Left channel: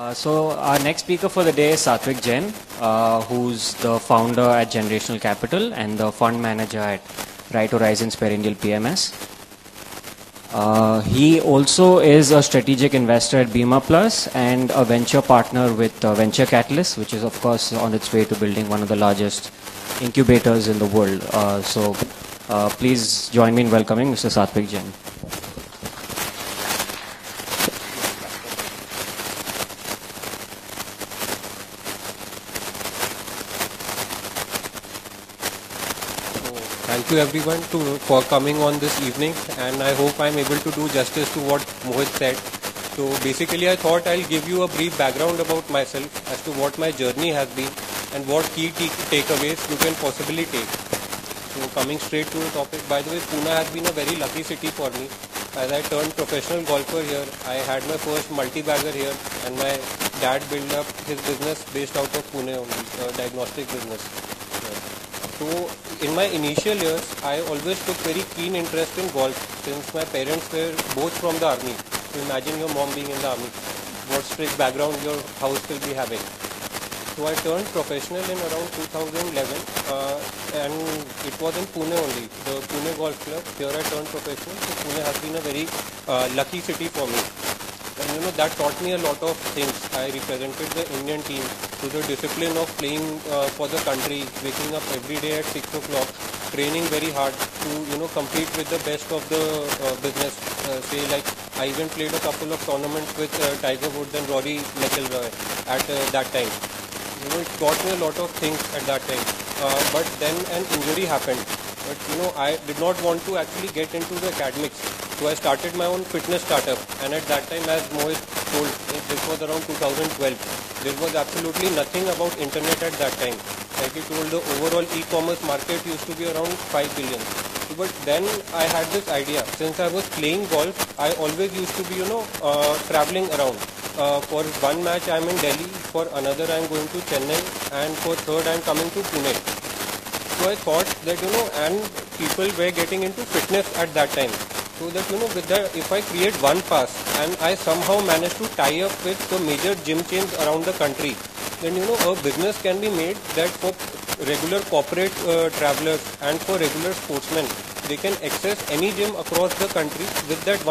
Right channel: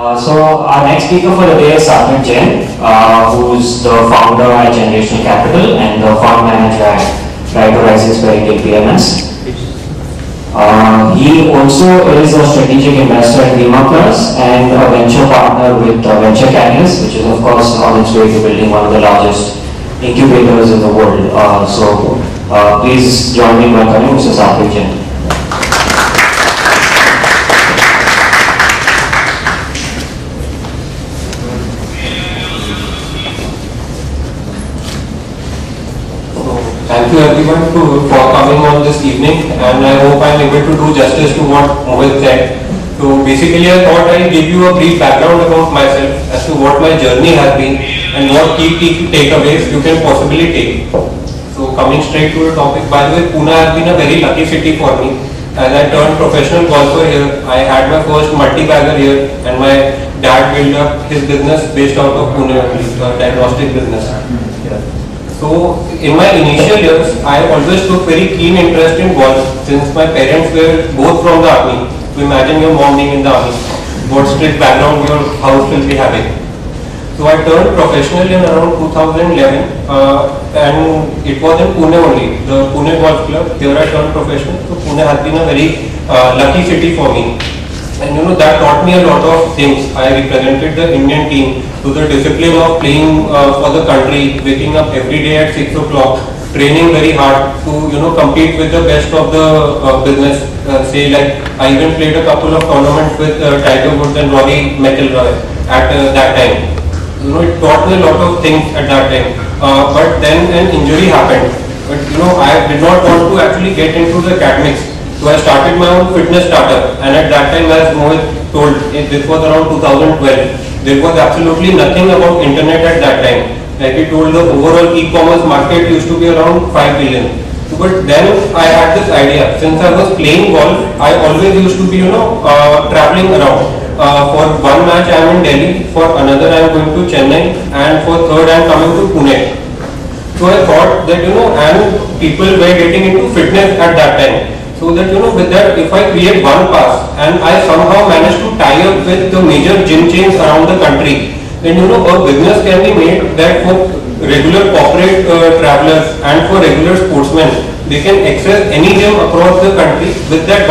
So our next speaker for the day is Satvik Jain, who's the founder at Generational Capital and the fund manager at Right Horizons Paradigm PMS. He also is a strategic investor in Bima Plus and a venture partner with Venture Catalyst, which is of course on its way to building one of the largest incubators in the world. Please join me in welcoming Mr. Satvik Jain. Thank you everyone for coming on this evening, and I hope I am able to do justice to what Mohit said. So basically I thought I'll give you a brief background about myself as to what my journey has been and what key takeaways you can possibly take. So coming straight to the topic, by the way, Pune has been a very lucky city for me. As I turned professional golfer here, I had my first multi-bagger here, and my dad built up his business based out of Pune, diagnostic business. So in my initial years, I always took very keen interest in golf since my parents were both from the army. So imagine your mom being in the army, what strict background your house will be having. So I turned professional in around 2011 and it was in Pune only, the Pune Golf Club. There I turned professional. So Pune has been a very lucky city for me. And that taught me a lot of things. I represented the Indian team to the discipline of playing for the country, waking up every day at 6 o'clock, training very hard to compete with the best of the business. Say like I even played a couple of tournaments with Tiger Woods and Rory McIlroy at that time. It taught me a lot of things at that time. But then an injury happened. But I did not want to actually get into the academics. So I started my own fitness startup, and at that time, as Mohit told, this was around 2012. There was absolutely nothing about internet at that time. Like he told, the overall e-commerce market used to be around 5 billion. But then I had this idea. Since I was playing golf, I always used to be traveling around. For one match I am in Delhi, for another I am going to Chennai, and for third I am coming to Pune. So I thought that and people were getting into fitness at that time. So that with that, if I create one pass and I somehow manage to tie up with the major gym chains around the country, then a business can be made that for regular corporate travelers and for regular sportsmen, they can access any gym across the country with that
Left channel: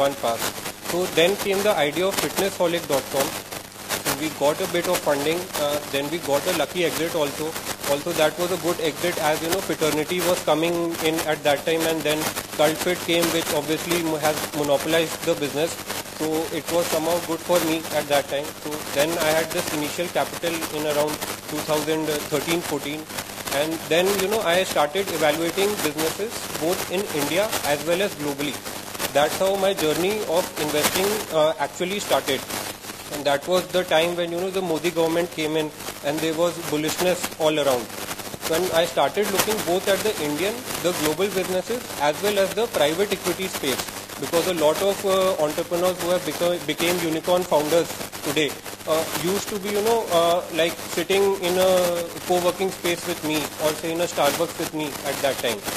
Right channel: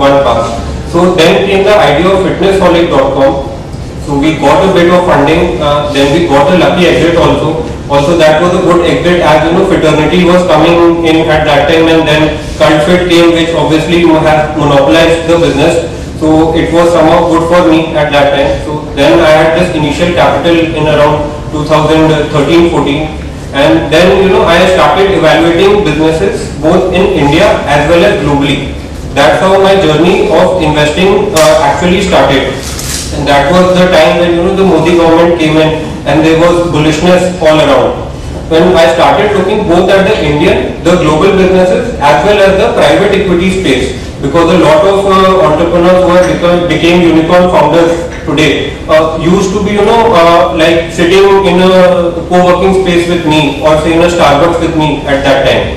one pass. So then came the idea of fitnessholic.com. So we got a bit of funding, then we got a lucky exit also. Also that was a good exit as fraternity was coming in at that time, and then CultFit came, which obviously has monopolized the business. So it was somehow good for me at that time. So then I had this initial capital in around 2013-14, and then I started evaluating businesses both in India as well as globally. That's how my journey of investing actually started. And that was the time when the Modi government came in and there was bullishness all around. When I started looking both at the Indian, the global businesses as well as the private equity space, because a lot of entrepreneurs who became unicorn founders today used to be like sitting in a co-working space with me or say in a Starbucks with me at that time.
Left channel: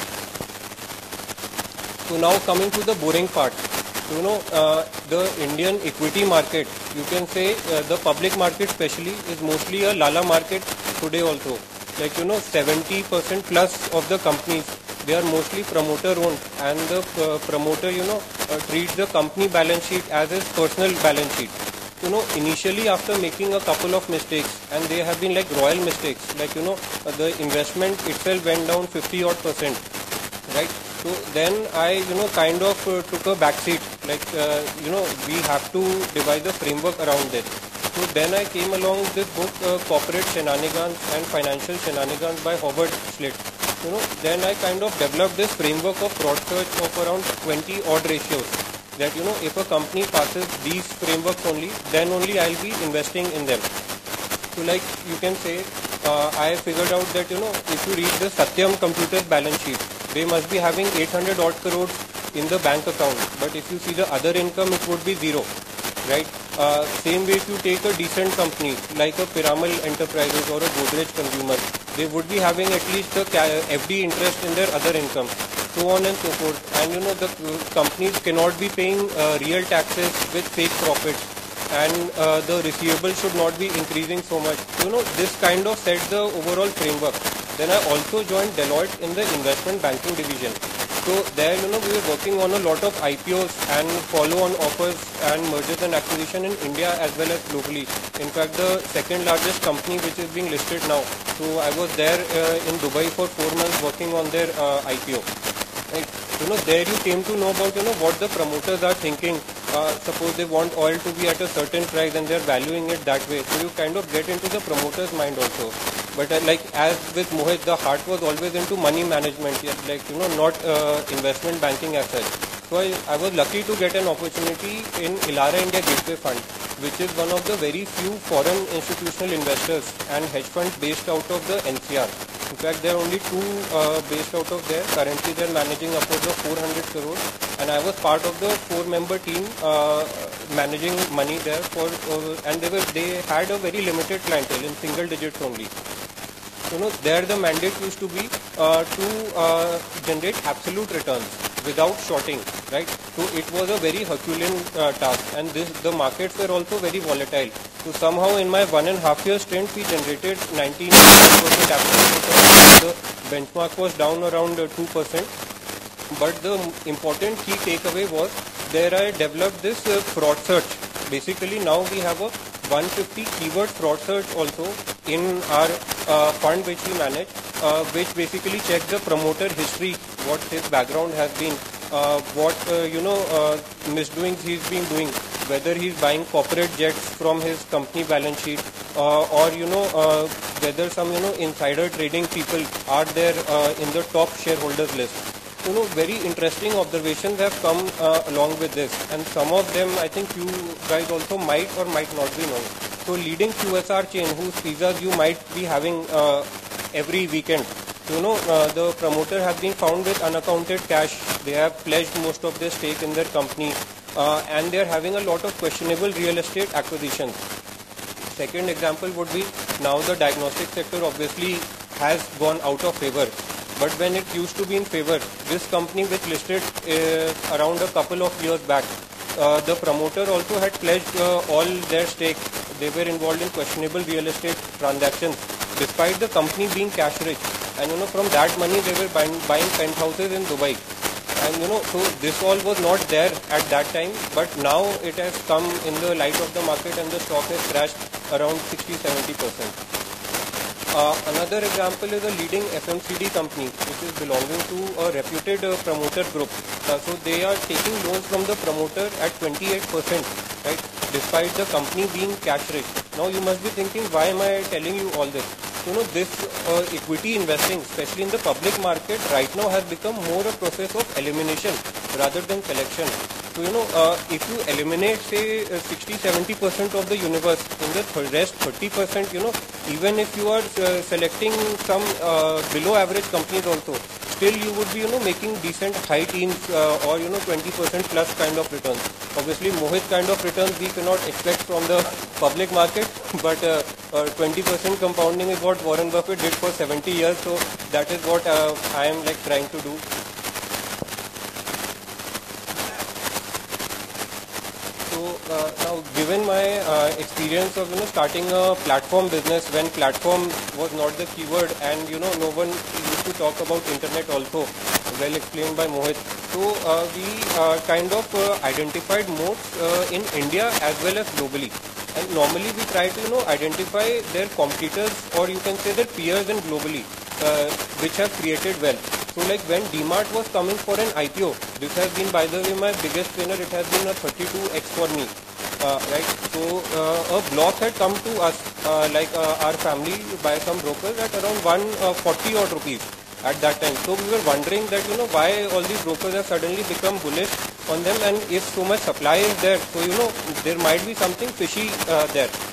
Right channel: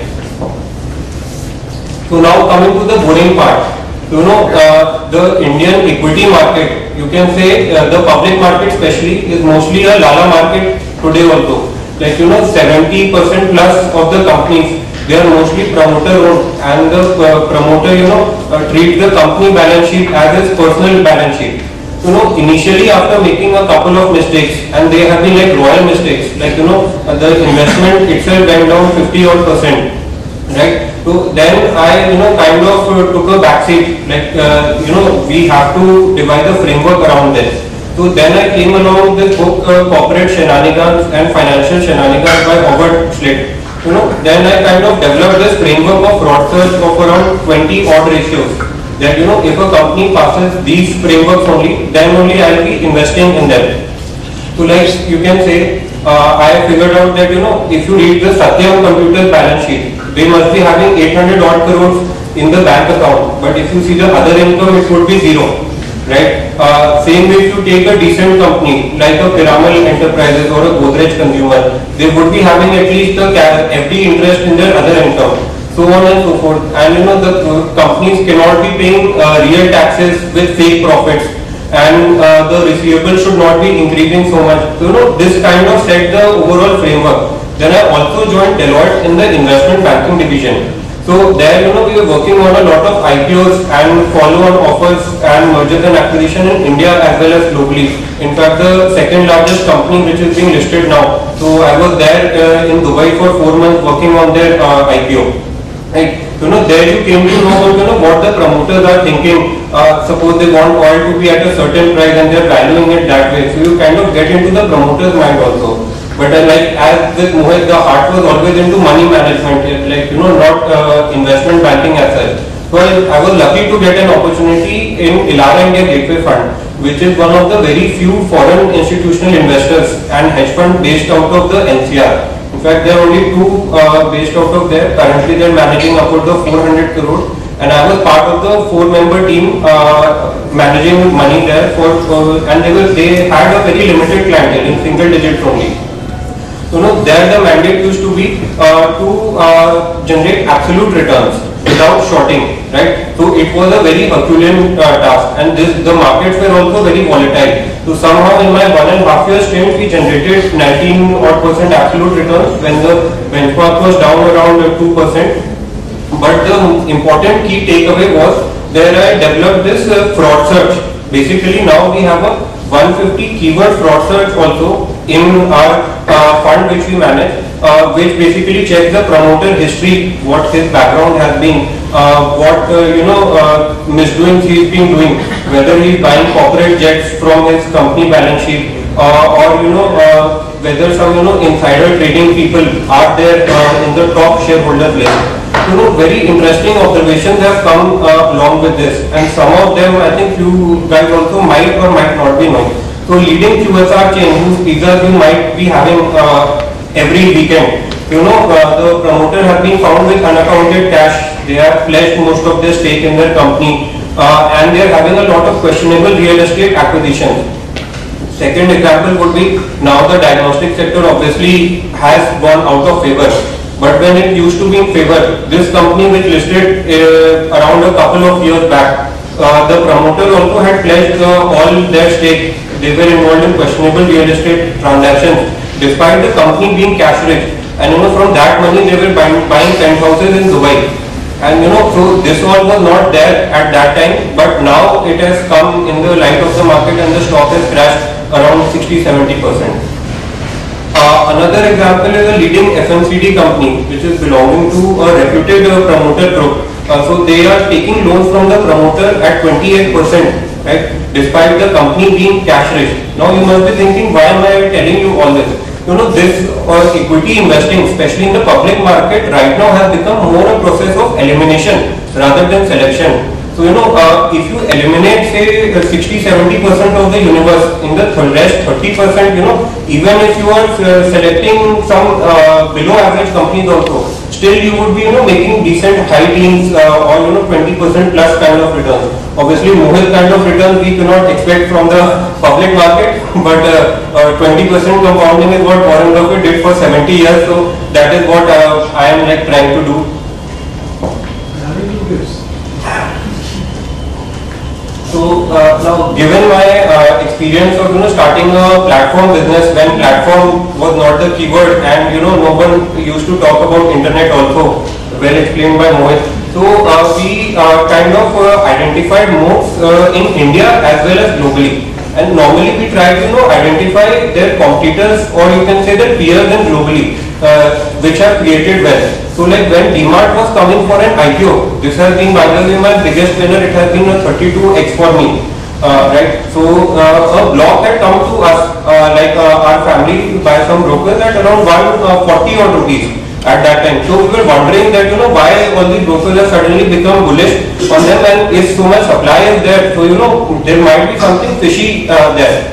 So now coming to the boring part. The Indian equity market, you can say the public market especially, is mostly a lala market today also. Like 70% plus of the companies, they are mostly promoter owned, and the promoter treats the company balance sheet as his personal balance sheet. Initially after making a couple of mistakes, and they have been like royal mistakes, like the investment itself went down 50% odd. Right. So then I kind of took a backseat, like we have to devise a framework around this. So then I came along with book Corporate Shenanigans and Financial Shenanigans by Robert Schlitt. Then I kind of developed this framework of broad search of around 20 odd ratios. That if a company passes these frameworks only, then only I will be investing in them. So like you can say, I have figured out that if you read the Satyam Computer balance sheet, they must be having 800 odd crores in the bank account, but if you see the other income, it would be zero, right? Same way, if you take a decent company like a Piramal Enterprises or a Godrej Consumer, they would be having at least a FD interest in their other income, so on and so forth. And the companies cannot be paying real taxes with fake profits, and the receivable should not be increasing so much. This kind of set the overall framework. Then I also joined Deloitte in the investment banking division. So there, we were working on a lot of IPOs and follow-on offers and mergers and acquisition in India as well as globally. In fact, the second largest company which is being listed now. So I was there in Dubai for 4 months working on their IPO. Right. There you came to know what the promoters are thinking. Suppose they want oil to be at a certain price and they are valuing it that way. So you kind of get into the promoter's mind also. But like as with Mohit, the heart was always into money management, not investment banking as such. So I was lucky to get an opportunity in Elara India Gateway Fund, which is one of the very few foreign institutional investors and hedge fund based out of the NCR. In fact, there are only two based out of there. Currently, they are managing upwards of 400 crores, and I was part of the 4-member team managing money there. And they had a very limited clientele in single digits only. There the mandate used to be to generate absolute returns without shorting, right? So it was a very Herculean task, and the markets were also very volatile. So somehow in my 1.5 years stint, we generated 19% absolute returns when the benchmark was down around 2%. But the important key takeaway was there I developed this fraud search. Basically now we have a 150 keyword fraud search also in our fund which we manage, which basically checks the promoter history, what his background has been, what misdoings he's been doing, whether he's buying corporate jets from his company balance sheet, or whether some insider trading people are there in the top shareholders list. Very interesting observations have come along with this, and some of them I think you guys also might or might not be knowing. So leading QSR chain whose pizzas you might be having every weekend, the promoter has been found with unaccounted cash. They have pledged most of their stake in their company, and they are having a lot of questionable real estate acquisitions. Second example would be now the diagnostic sector obviously has gone out of favor. But when it used to be in favor, this company which listed around a couple of years back, the promoter also had pledged all their stake. They were involved in questionable real estate transactions, despite the company being cash rich. And from that money they were buying penthouses in Dubai. And so this all was not there at that time, but now it has come in the light of the market and the stock has crashed around 60-70%. Another example is a leading FMCG company which is belonging to a reputed promoter group. So they are taking loans from the promoter at 28%, right, despite the company being cash rich. Now you must be thinking, why am I telling you all this? This equity investing, especially in the public market, right now has become more a process of elimination rather than selection. So if you eliminate say 60-70% of the universe, in the rest 30%, even if you are selecting some below average companies also, still you would be making decent high teens or 20% plus kind of returns. Obviously Mohit kind of returns we cannot expect from the public market, but 20% compounding is what Warren Buffett did for 70 years. So that is what I am trying to do. So now, given my experience of starting a platform business when platform was not the keyword, and no one used to talk about internet also, well explained by Mohit. So we kind of identified modes in India as well as globally. And normally we try to identify their competitors, or you can say their peers in globally, which have created wealth. So like when DMart was coming for an IPO, this has been by the way my biggest winner. It has been a 32x for me, right? So a block had come to us, our family by some brokers at around 140 odd rupees at that time. So we were wondering that why all these brokers have suddenly become bullish on them, and if so much supply is there, so there might be something fishy there.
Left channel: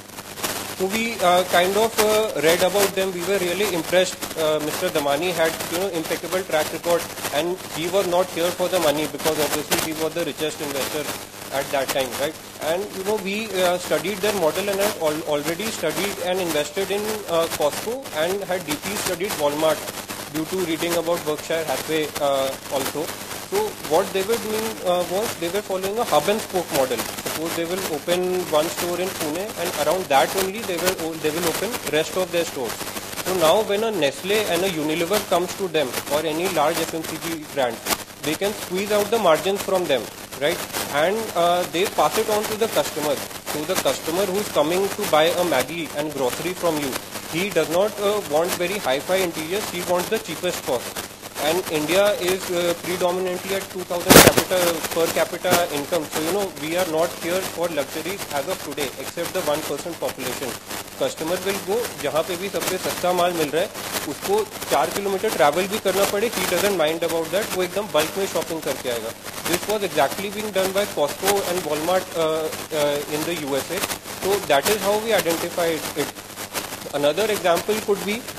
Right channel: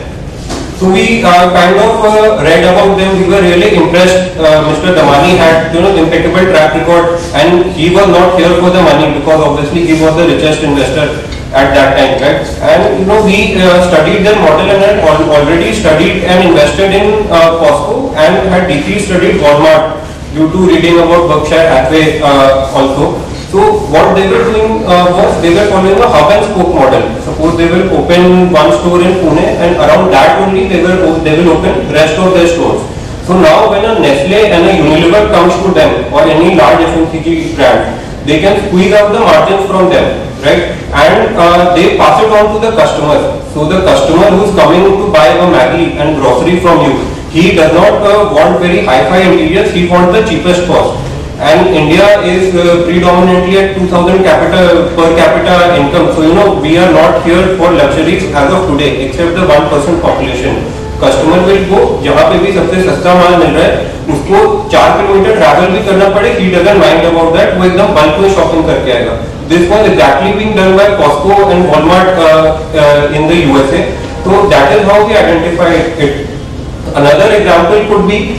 So we kind of read about them. We were really impressed. Mr. Damani had impeccable track record, and he was not here for the money because obviously he was the richest investor at that time, right? And we studied their model and had already studied and invested in Costco and had deeply studied Walmart due to reading about Berkshire Hathaway also. So what they were doing was they were following a hub and spoke model. Suppose they will open one store in Pune, and around that only they will open rest of their stores. So now when a Nestle and a Unilever comes to them, or any large FMCG brand, they can squeeze out the margins from them, right? And they pass it on to the customer. So the customer who is coming to buy a Maggi and grocery from you, he does not want very high-fi interiors, he wants the cheapest cost. And India is predominantly at 2000 per capita income. So we are not here for luxuries as of today, except the 1% population. Customer will go जहाँ पे भी सबसे सस्ता माल मिल रहा है, उसको 4 kilometre travel भी करना पड़े, he doesn't mind about that, वो एकदम बल्क में शॉपिंग करके आएगा. This was exactly being done by Costco and Walmart in the USA. So that is how we identify it. Another example could be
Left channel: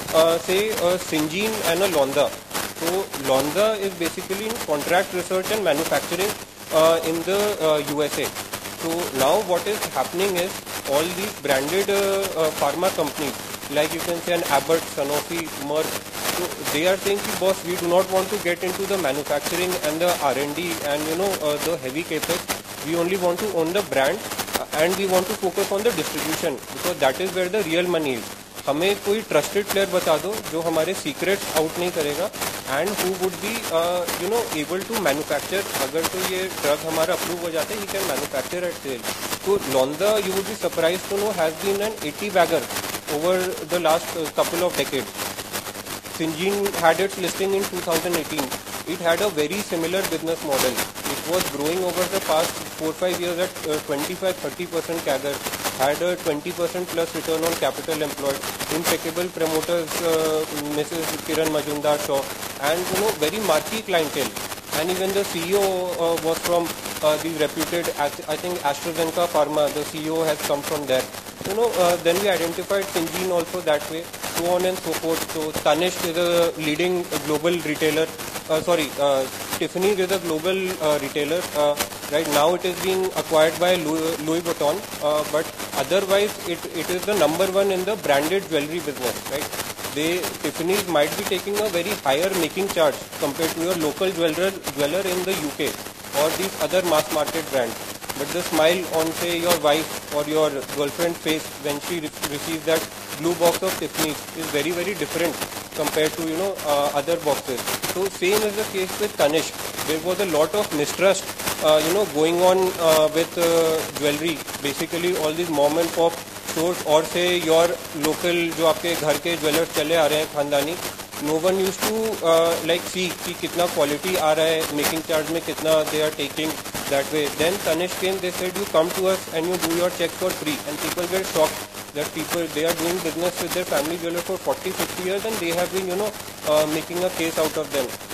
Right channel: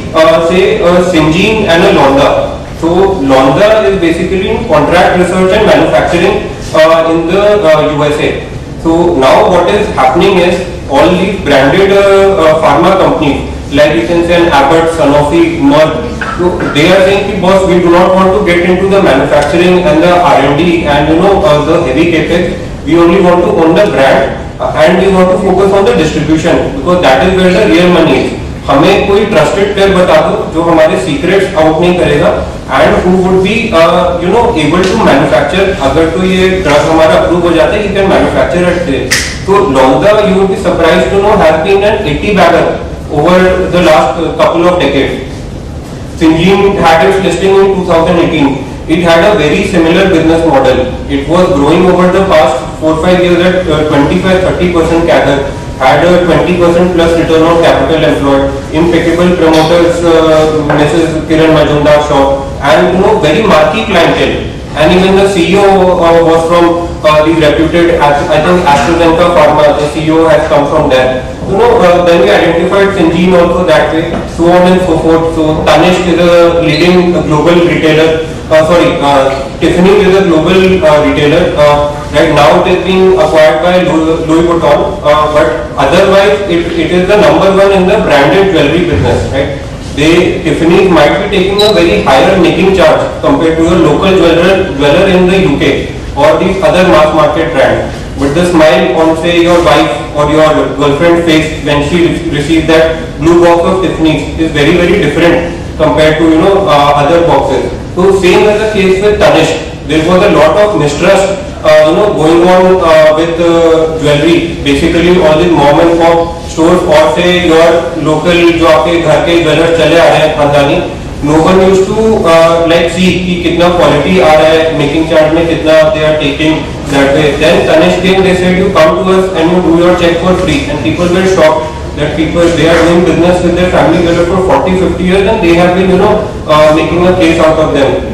say Syngene and a Londa. So Londa is basically in contract research and manufacturing in the USA. So now what is happening is all these branded pharma companies, like you can say an Abbott, Sanofi, Merck, so they are saying, boss, we do not want to get into the manufacturing and the R&D and the heavy capex. We only want to own the brand and we want to focus on the distribution because that is where the real money is. हमें कोई trusted player बता दो जो हमारे secrets out नहीं करेगा and who would be able to manufacture. अगर तो ये ड्रग हमारा अप्रूव हो जाता है, he can manufacture at they. So Londa, you would be surprised to know, has been an 80 bagger over the last couple of decades. Syngene had its listing in 2018. It had a very similar business model. It was growing over the past 4-5 years at 25-30% CAGR. Had a 20% plus return on capital employed, impeccable promoters, Mrs. Kiran Majumdar Shaw, and very marquee clientele. And even the CEO was from the reputed, I think AstraZeneca Pharma. The CEO has come from there. Then we identified Syngene also that way, so on and so forth. So Tanishq is a leading global retailer. Tiffany is a global retailer. Right now it is being acquired by Louis Vuitton, but otherwise it is the number one in the branded jewelry business, right? Tiffany might be taking a very higher making charge compared to a local jeweler in the UK or these other mass market brands. But the smile on say your wife or your girlfriend's face when she receives that blue box of Tiffany is very different compared to other boxes. So same as the case with Tanishq. There was a lot of mistrust going on with jewelry. Basically all these mom and pop stores or say your local जो आपके घर के jeweller चले आ रहे हैं खानदानी, no one used to see कि कितना quality आ रहा है, making charge में कितना they are taking that way. Then Tanishq came, they said you come to us and you do your check for free, and people were shocked that they are doing business with their family jeweler for 40-50 years and they have been making a case out of them.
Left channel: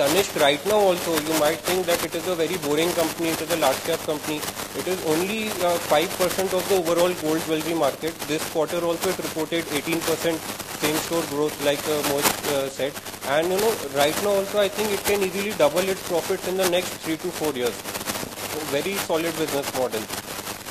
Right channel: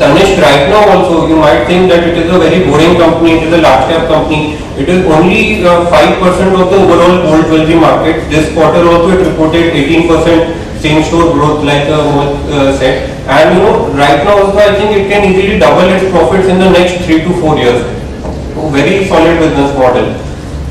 Tanishq right now also, you might think that it is a very boring company, it is a large cap company. It is only 5% of the overall gold jewelry market. This quarter also it reported 18% same store growth like Mohit said. And right now also I think it can easily double its profits in the next 3 to 4 years. So very solid business model.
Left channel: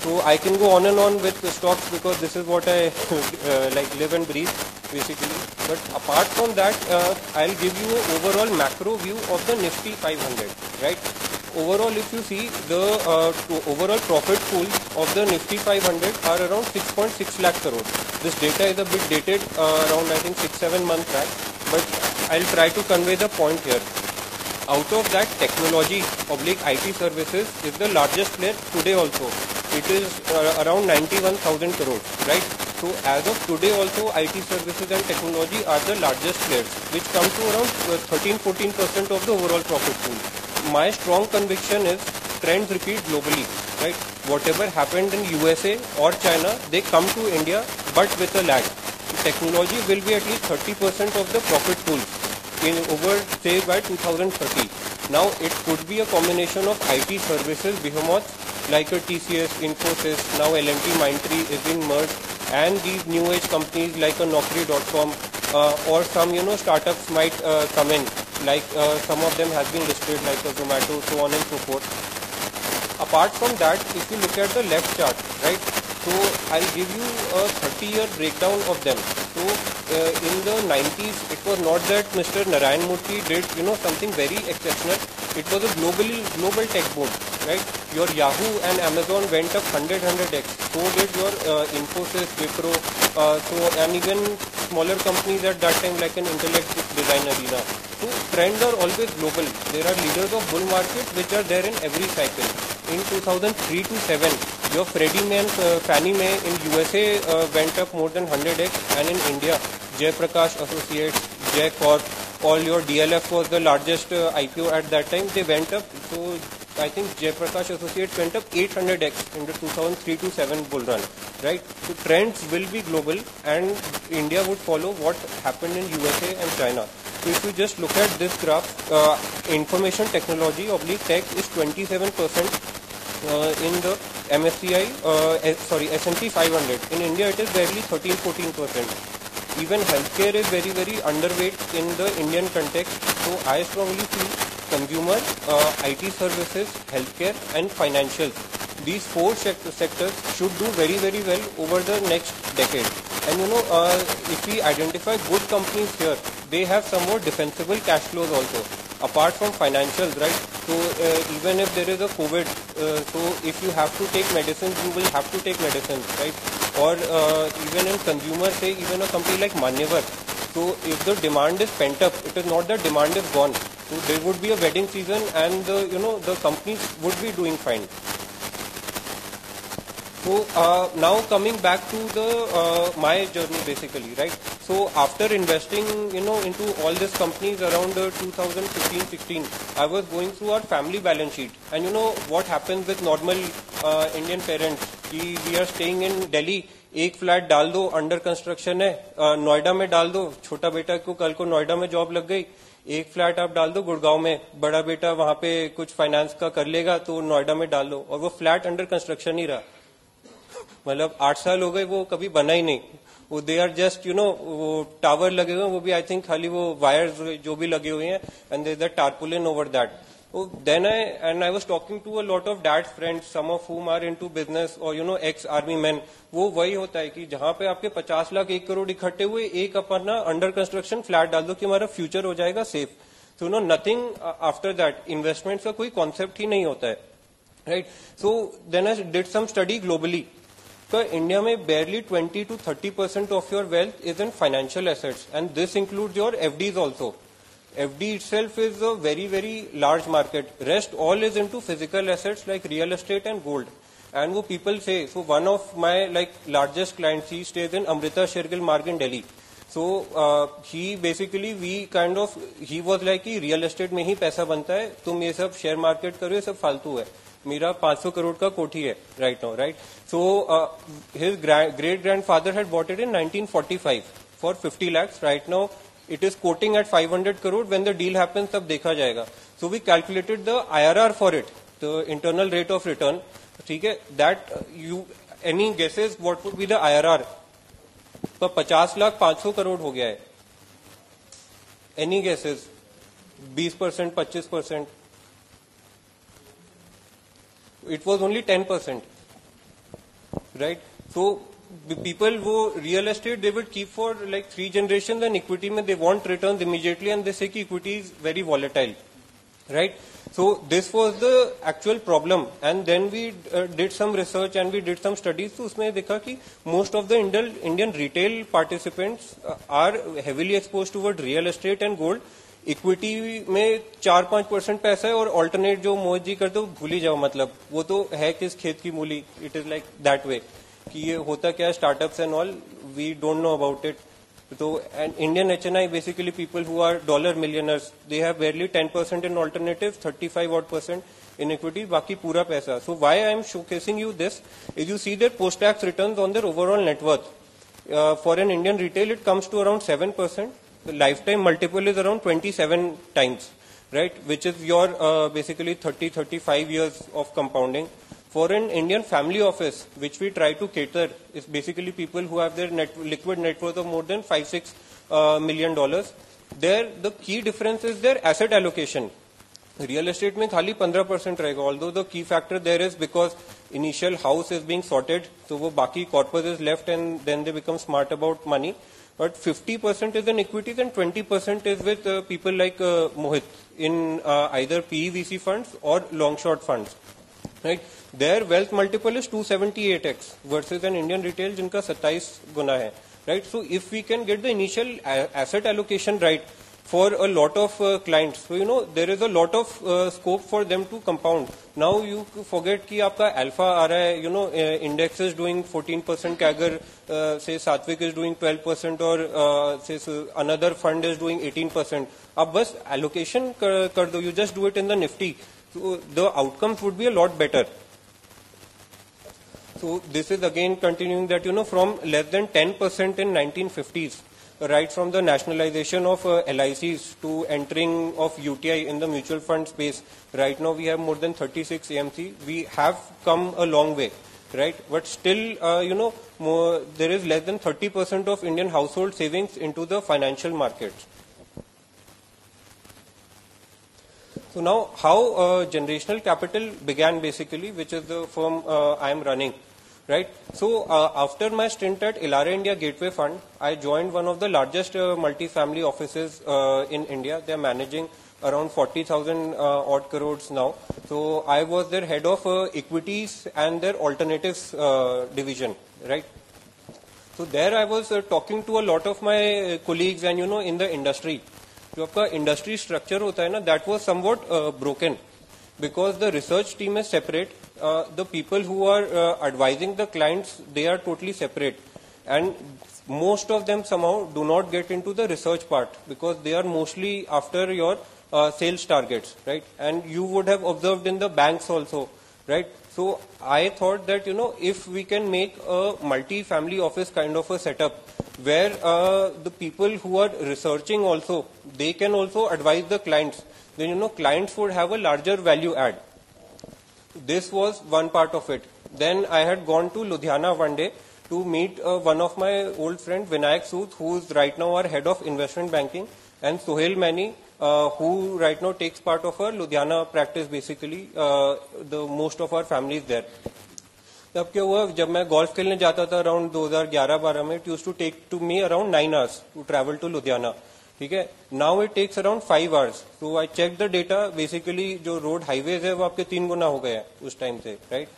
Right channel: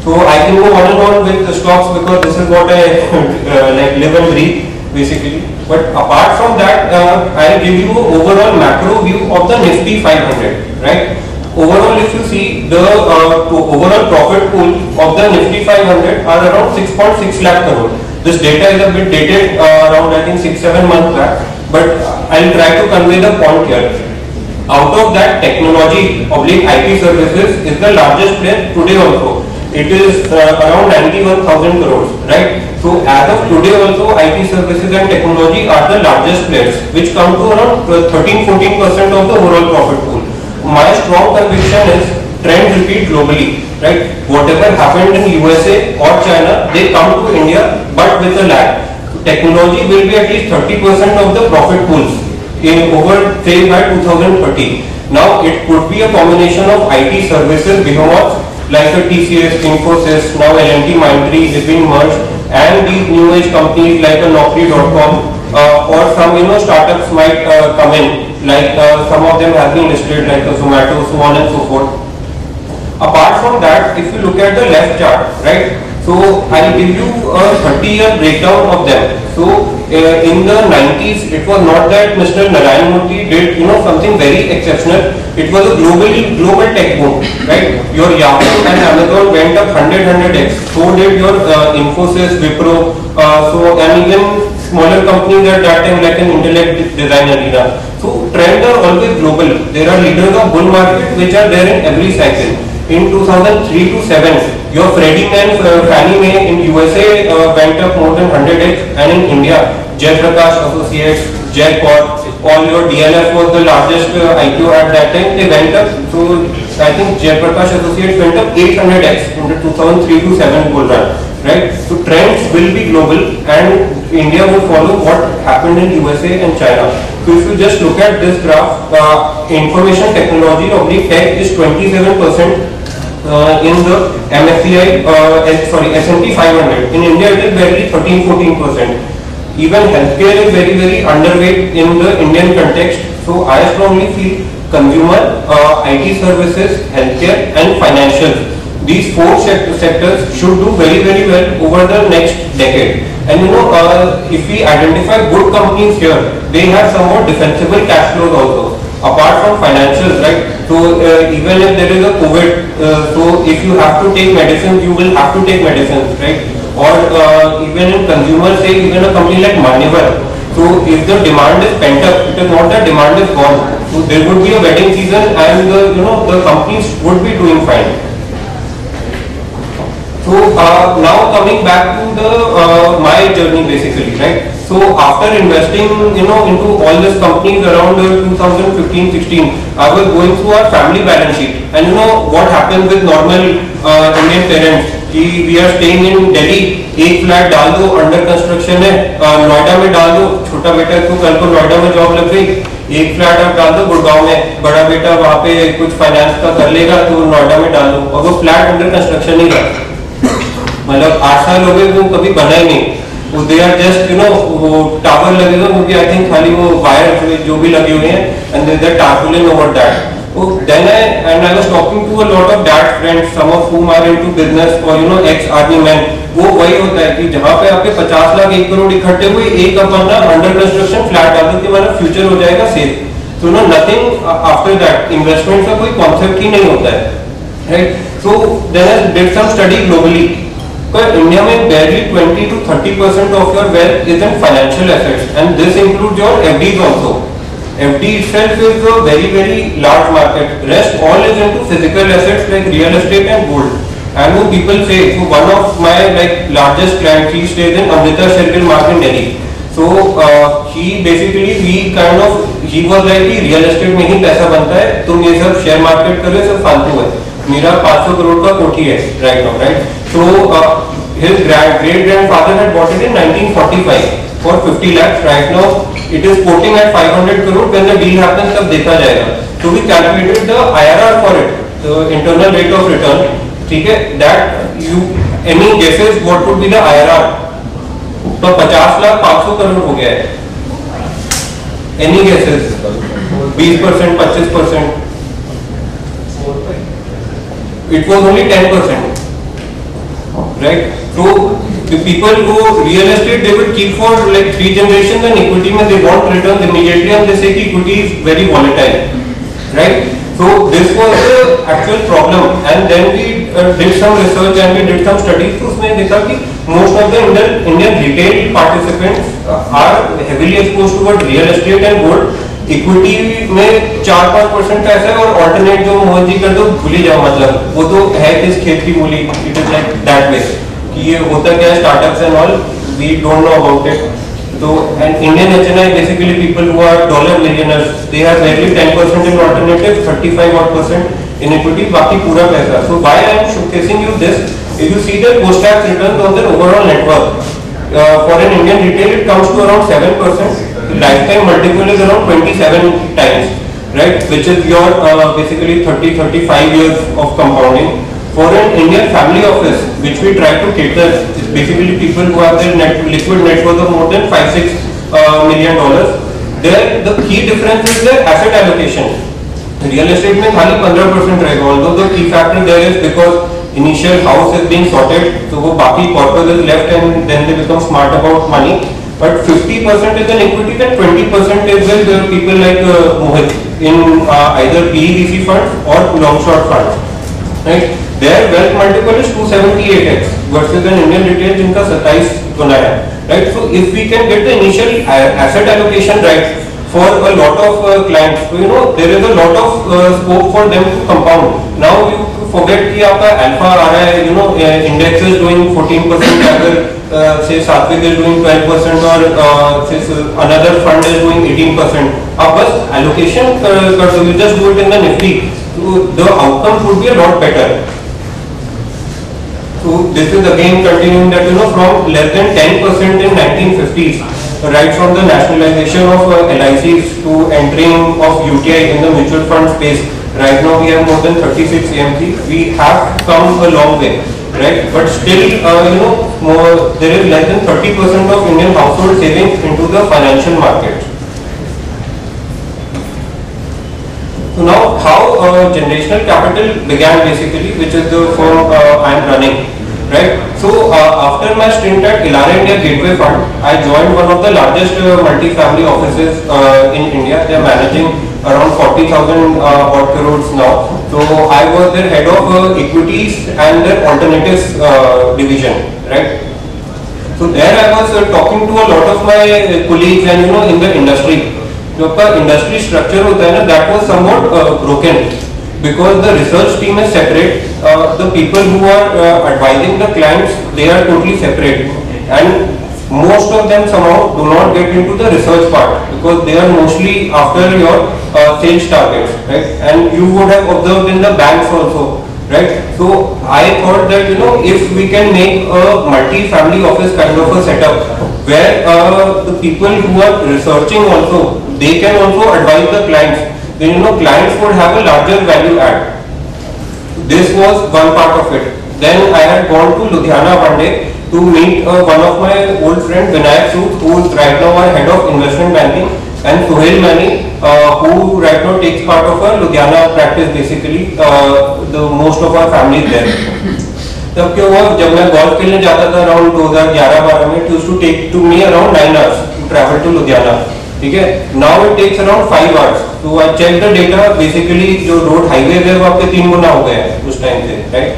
So I can go on and on with the stocks because this is what I live and breathe basically. But apart from that, I'll give you overall macro view of the Nifty 500, right? Overall, if you see the overall profit pool of the Nifty 500 are around 6.6 lakh crore. This data is a bit dated, around I think 6-7 months back. But I'll try to convey the point here. Out of that, technology IT services is the largest player today also. It is around 91,000 crores, right? So as of today also, IT services and technology are the largest players, which come to around 13-14% of the overall profit pool. My strong conviction is trend repeat globally, right? Whatever happened in USA or China, they come to India, but with a lag. Technology will be at least 30% of the profit pools in over say by 2030. Now it could be a combination of IT services behemoths like a TCS, Infosys, now L&T Mindtree is being merged, and these new age companies like a Naukri.com or some startups might come in, like some of them have been listed like a Zomato, so on and so forth. Apart from that, if you look at the left chart, right, so I'll give you a 30-year breakdown of them. So in the 90s, it was not that Mr. Narayan Murthy did, something very exceptional. It was a global tech boom, right? Your Yahoo and Amazon went up 100x. So did your Infosys, Wipro, and even smaller companies at that time like an Intellect Design Arena. So trends are always global. There are leaders of bull market which are there in every cycle. In 2003 to 7, your Freddie and Fannie Mae in USA went up more than 100x, and in India, Jaiprakash Associates, Jaipur, all your DLF was the largest IPO at that time. They went up. So I think Jaiprakash Associates went up 800x in the 2003 to 7 bull run. Right? So trends will be global, and India will follow what happened in USA and China. So if you just look at this graph, information technology of the tech is 27%. In the MSCI, S&P 500. In India, it is barely 13-14%. Even healthcare is very underweight in the Indian context. So I strongly feel consumer, IT services, healthcare, and financial. These four sectors should do very well over the next decade. And if we identify good companies here, they have somewhat defensible cash flows also. Apart from financials, right? So even if there is a COVID, so if you have to take medicines, you will have to take medicines, right? Or even in consumer, say even a company like Manyavar. So if the demand is pent up, it is not that demand is gone. So there would be a wedding season, and the companies would be doing fine. So now coming back to the my journey basically, right? So after investing, into all these companies around 2015-16, I was going through our family balance sheet, and what happens with normal Indian parents? We are staying in Delhi, एक flat डाल दो, under construction है, नोएडा में डाल दो, छोटा बेटा तो कल को नोएडा में जॉब लग गई, एक फ्लैट आप डाल दो गुड़गांव में, बड़ा बेटा वहाँ पे कुछ फाइनेंस का कर लेगा तो नोएडा में डाल दो, और वो फ्लैट अंडर कंस्ट्रक्शन नहीं था, मतलब 8 साल हो गए वो कभी बना ही नहीं. वो दे आर जस्ट वो टावर लगेगा क्योंकि आई थिंक खाली वो वायर जो भी लगे हुए हैं, and there is a tarpaulin over that. So then I was talking to a lot of dad friends, some of whom are into business or ex-army men. वो वही होता है कि जहाँ पे आपके 50 लाख 1 करोड़ इकट्ठे हुए, एक अपन ना अंडर कंस्ट्रक्शन फ्लैट डाल दो कि हमारा फ्यूचर हो जाएगा safe. So nothing after that. Investment का कोई कॉन्सेप्ट ही नहीं होता है, right? So then I did some study globally. But India में barely 20 to 30% of your wealth is in financial assets, and this includes your FDs also. FD itself is a very large market. Rest all is into physical assets like real estate and gold. And what people say, so one of my largest clients, he stays in Amrita Circle Mark in Delhi. So he basically he was like कि real estate में ही पैसा बनता है, तुम ये सब share market करो, सब फालतू है. मेरा 500 करोड़ का कोठी है right now, right? So his great grandfather had bought it in 1945 for 50 lakhs. Right now it is quoting at 500 crore. When the deal happens, तब देखा जाएगा. So we calculated the IRR for it, the internal rate of return. ठीक है? That any guesses what would be the IRR? तो 50 लाख 500 करोड़ हो गया है. Any guesses? 20%, 25%. It was only 10%. Right? So the people who real estate, they will keep for like 3 generations, and equity mein they want returns immediately, and they say equity is very volatile, right? So this was the actual problem, and then we did some research and we did some studies. तो उसमें देखा कि most of the Indian retail participants are heavily exposed toward real estate and gold. Equity में 4-5% का ऐसा है, और alternate जो मोहन जी कर दो भूल ही जाओ, मतलब वो तो है किस खेत की मूली. It is like that way कि ये होता क्या है, startups and all we don't know about it. तो and Indian HNI basically people who are dollar millionaires, they have barely 10% in alternative, 35% in equity, बाकी पूरा पैसा. So why I am showcasing you this, if you see the post tax return on the overall network for an Indian retail, it comes to around 7%. Lifetime multiple is around 27 times, right? Which is your basically 30-35 years of compounding. For an Indian family office, which we try to cater, is basically people who have their liquid net worth of more than $5-6 million. There, the key difference is their asset allocation. Real estate में खाली 15% रहेगा. Although the key factor there is because initial house is being sorted, so वो बाकी corpus is left, and then they become smart about money. But 50% is in equity, then 20% is with people like Mohit in either PE/VC funds or long short funds. Right? Their wealth multiple is 278x versus an Indian retail जिनका 27 गुना है. Right? So if we can get the initial asset allocation right for a lot of clients, so there is a lot of scope for them to compound. Now you forget कि आपका alpha आ रहा है, index is doing 14%, अगर say Satvik is doing 12% or say another fund is doing 18%. आप बस allocation कर दो, you just do it in the Nifty, so the outcomes would be a lot better. So this is again continuing that from less than 10% in 1950s, right from the nationalization of LICs to entering of UTI in the mutual fund space. Right now we have more than 36 AMCs. We have come a long way, right? But still, there is less than 30% of Indian household savings into the financial markets. So now, how generational capital began basically, which is the firm I am running, right? So after my stint at Elara India Gateway Fund, I joined one of the largest multi-family offices in India. They are managing around 40,000 odd crores now. So I was their head of equities and their alternatives division, right? So there I was talking to a lot of my colleagues and in the industry. जो आपका industry structure होता है ना, that was somewhat broken because the research team is separate. The people who are advising the clients, they are totally separate, and most of them somehow do not get into the research part because they are mostly after your sales targets, right? And you would have observed in the banks also, right? So I thought that if we can make a multi-family office kind of a setup where the people who are researching also, they can also advise the clients, then clients would have a larger value add. This was one part of it. Then I had gone to Ludhiana one day to meet one of my old friends, Vinayak Sood, who is right now our head of investment banking, and Sohail Mani, who right now takes part of our Ludhiana practice basically, the most of our family is there. तब क्या हुआ, जब मैं golf खेलने जाता था around 2011-12 में, it used to take to me around 9 hours to travel to Ludhiana. ठीक है, now it takes around 5 hours. So I checked the data, basically जो road highways है वो आपके 3 गुना हो गए हैं उस टाइम से, right?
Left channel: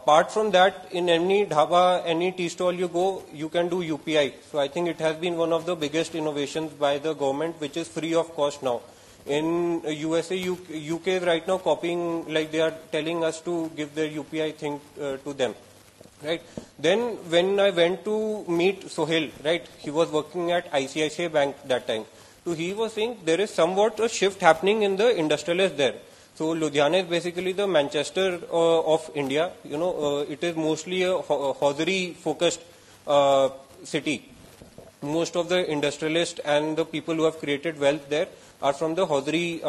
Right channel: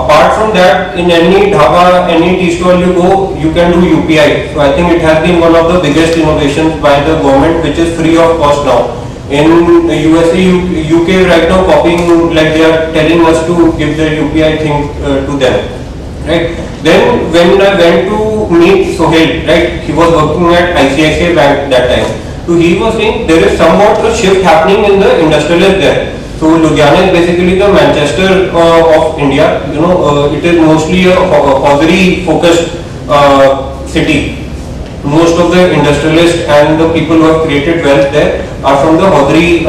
Apart from that, in any dhaba, any tea stall you go, you can do UPI. So I think it has been one of the biggest innovations by the government, which is free of cost now. In USA, UK right now copying, like they are telling us to give the UPI thing to them, right? Then when I went to meet Sohail, right, he was working at ICICI Bank that time. So he was saying there is somewhat a shift happening in the industrialist there. So Ludhiana is basically the Manchester of India. It is mostly a hosiery focused city. Most of the industrialists and the people who have created wealth there are from the hosiery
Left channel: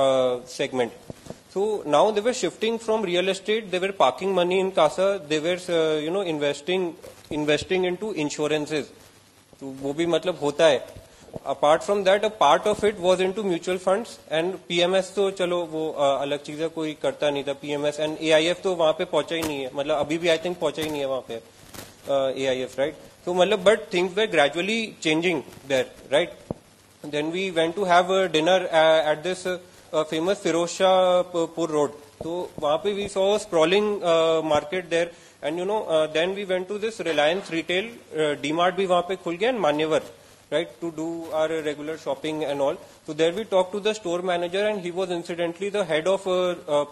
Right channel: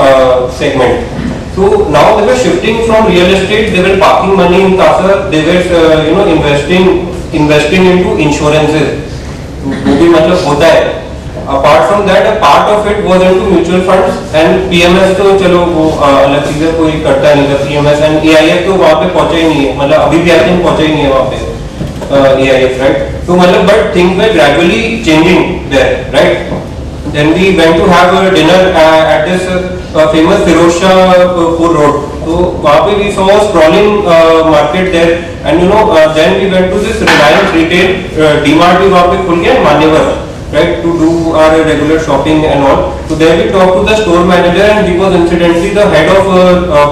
segment. So now they were shifting from real estate. They were parking money in Casa. They were investing into insurances. वो भी मतलब होता है. Apart from that, a part of it was into mutual funds and PMS तो चलो वो अलग चीज़ है, कोई करता नहीं था PMS and AIF तो वहाँ पे पहुँचे ही नहीं है, मतलब अभी भी I think पहुँचे ही नहीं है वहाँ पे AIF, right? तो मतलब but things were gradually changing there, right? Then we went to have a dinner at this famous Firozshahpur Road. So वहाँ पे we saw a sprawling market there and then we went to this Reliance Retail DMart भी वहाँ पे खुल गया मान्यवर, right, to do our regular shopping and all. So there we talked to the store manager and he was incidentally the head of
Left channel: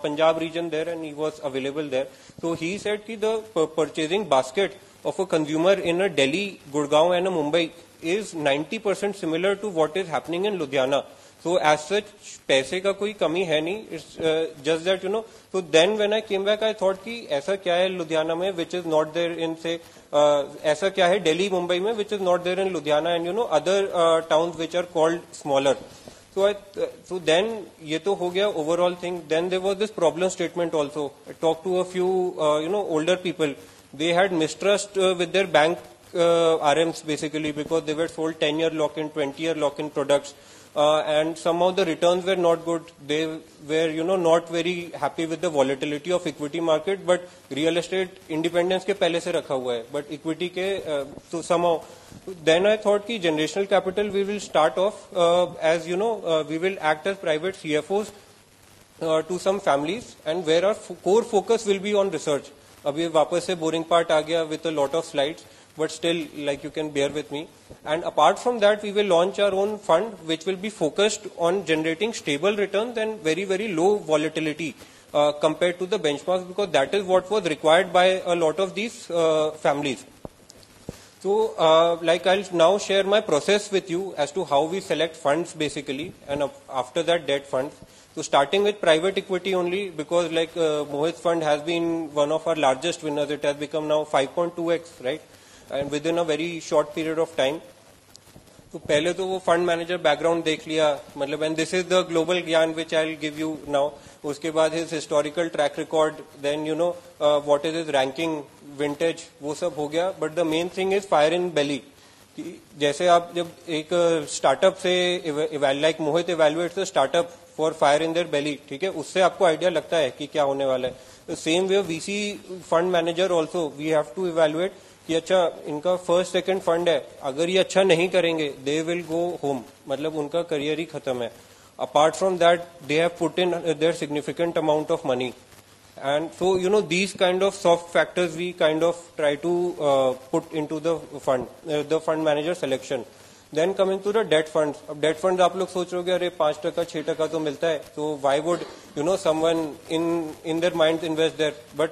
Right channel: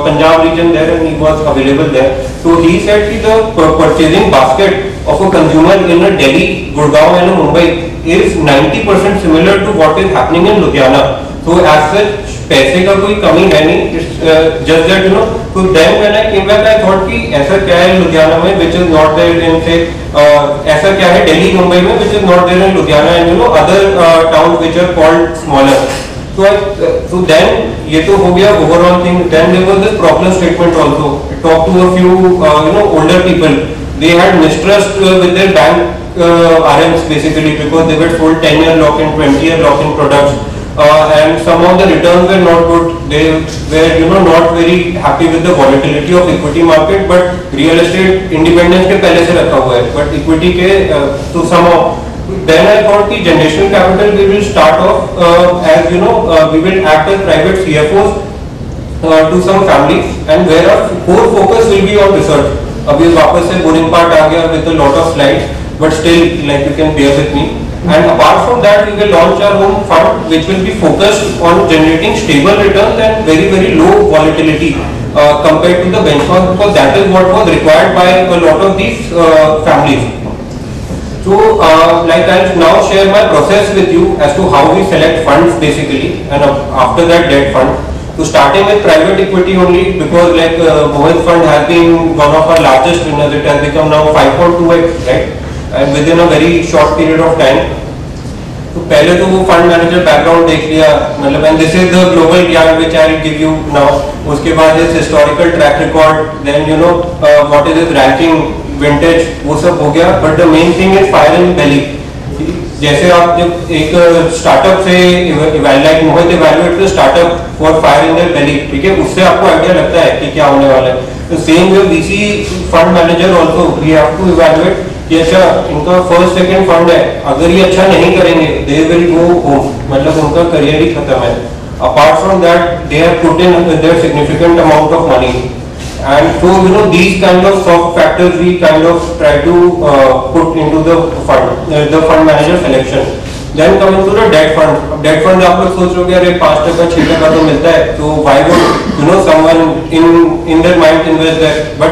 Punjab region there and he was available there. So he said that the purchasing basket of a consumer in a Delhi, Gurgaon and a Mumbai is 90% similar to what is happening in Ludhiana. So as such, पैसे का कोई कमी है नहीं, just that so then when I came back I thought कि ऐसा क्या है लुधियाना में which is not there in say ऐसा क्या है दिल्ली मुंबई में which is not there in Ludhiana and other towns which are called smaller. So then ये तो हो गया overall thing. Then there was this problem statement also. I talked to a few older people. They had mistrust with their bank RMs basically because they were sold 10-year lock-in, 20-year lock-in products. And some of the returns were not good. They were not very happy with the volatility of equity market. But real estate independence के पहले से रखा हुआ है. But equity के so somehow Then I thought the generational capital we will start off as we will act as private CFOs to some families, and where our core focus will be on research. अभी वापस से boring part आ गया with a lot of slides, but still like you can bear with me. And apart from that, we will launch our own fund which will be focused on generating stable returns and very low volatility compared to the benchmark, because that is what was required by a lot of these families. So like I'll now share my process with you as to how we select funds basically, and after that debt fund. So starting with private equity only, because like Mohit Fund has been one of our largest winners. It has become now 5.2x, right? And within a very short period of time. तो पहले तो वो fund manager background देख लिया, मतलब and this is the global ज्ञान which I will give you now. उसके बाद is historical track record, then what is is ranking, vintage, वो सब हो गया. But the main thing is fire in belly. जैसे आप जब एक स्टार्टअप से like Mohit evaluate the startup for fire in the belly, ठीक है, उससे आपको आइडिया लगता है कि क्या होने वाला है. तो same way VC fund manager also we have to evaluate कि अच्छा इनका फर्स्ट सेकंड फंड है, अगर ये अच्छा नहीं करेंगे दे विल गो होम, मतलब उनका करियर ही खत्म है. Apart from that they have put in their significant amount of money, and so these kind of soft factors we kind of try to put into the fund manager selection. Then coming to the debt fund. Debt fund आप लोग सोच रहे हो अरे 5% 6% तो मिलता है, तो why would someone in their mind invest there? But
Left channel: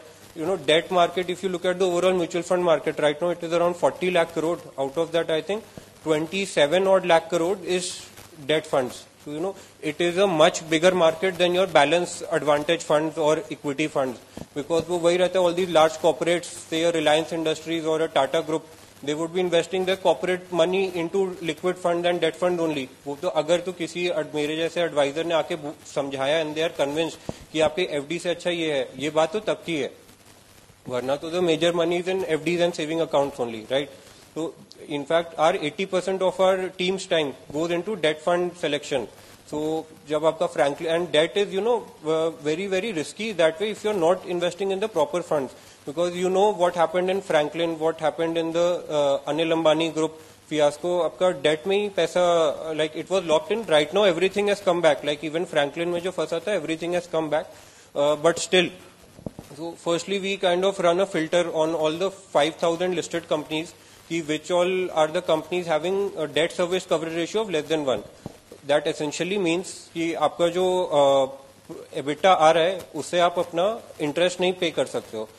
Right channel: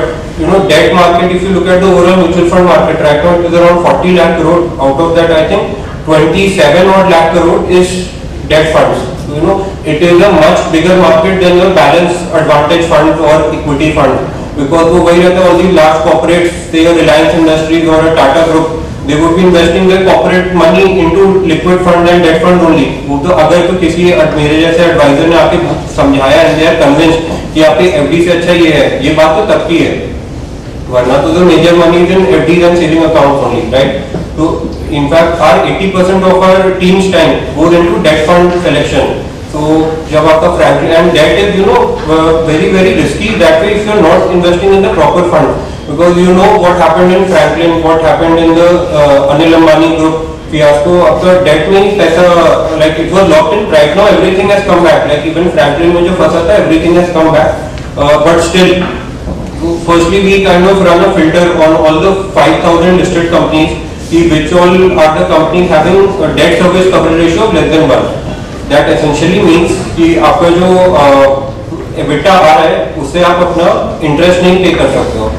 debt market, if you look at the overall mutual fund market right now, it is around 40 lakh crore. Out of that I think 27 odd lakh crore is debt funds. It is a much bigger market than your balanced advantage funds or equity funds, because वो वही रहता है, all these large corporates, say a Reliance Industries or a Tata Group, they would be investing their corporate money into liquid fund and debt fund only. वो तो अगर तो किसी मेरे जैसे एडवाइजर ने आके समझाया and they are convinced कि आपके FD से अच्छा ये है, ये बात तो तब की है, वरना तो the major money is in FDs and saving accounts only, right? So in fact our 80% of our team's time goes into debt fund selection. So जब आपका Franklin, and that is very risky that way if you are not investing in the proper fund, because what happened in Franklin, what happened in the Anil Ambani group fiasco. आपका debt में ही पैसा like it was locked in. Right now everything has come back, like even Franklin में जो फंसा था everything has come back, but still firstly we kind of run a filter on all the 5,000 listed companies, which all are the companies having a debt service coverage ratio of less than 1. That essentially means कि आपका जो EBITDA आ रहा है उससे आप अपना interest नहीं पे कर सकते हो.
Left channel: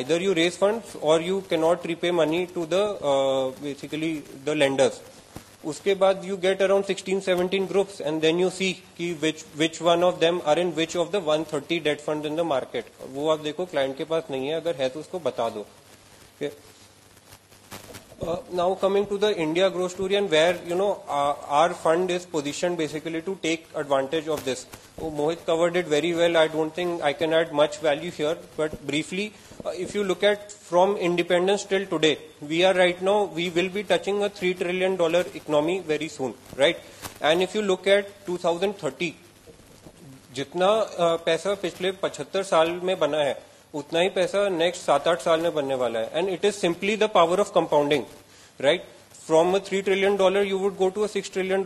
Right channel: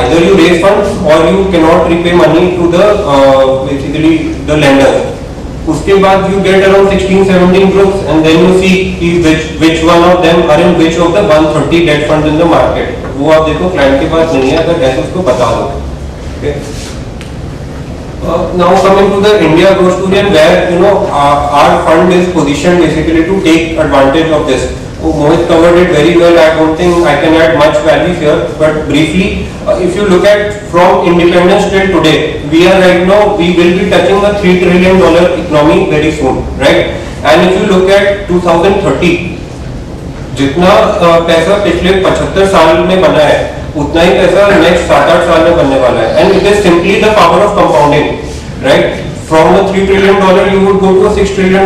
Either you raise funds or you cannot repay money to the basically the lenders. उसके बाद you get around 16-17 groups and then you see कि which one of them are in which of the 130 debt funds in the market. वो आप देखो client के पास नहीं है, अगर जैसे उसको बता दो. Okay. Now coming to the India growth story, and where our fund is positioned basically to take advantage of this. Mohit covered it very well. I don't think I can add much value here, but briefly, if you look at from independence till today, we are right now, we will be touching a $3 trillion economy very soon, right? And if you look at 2030, जितना पैसा पिछले 75 साल में बना है उतना ही पैसा next 7-8 साल में बनने वाला है. And it is simply the power of compounding, right? From the $3 trillion you would go to a $6 trillion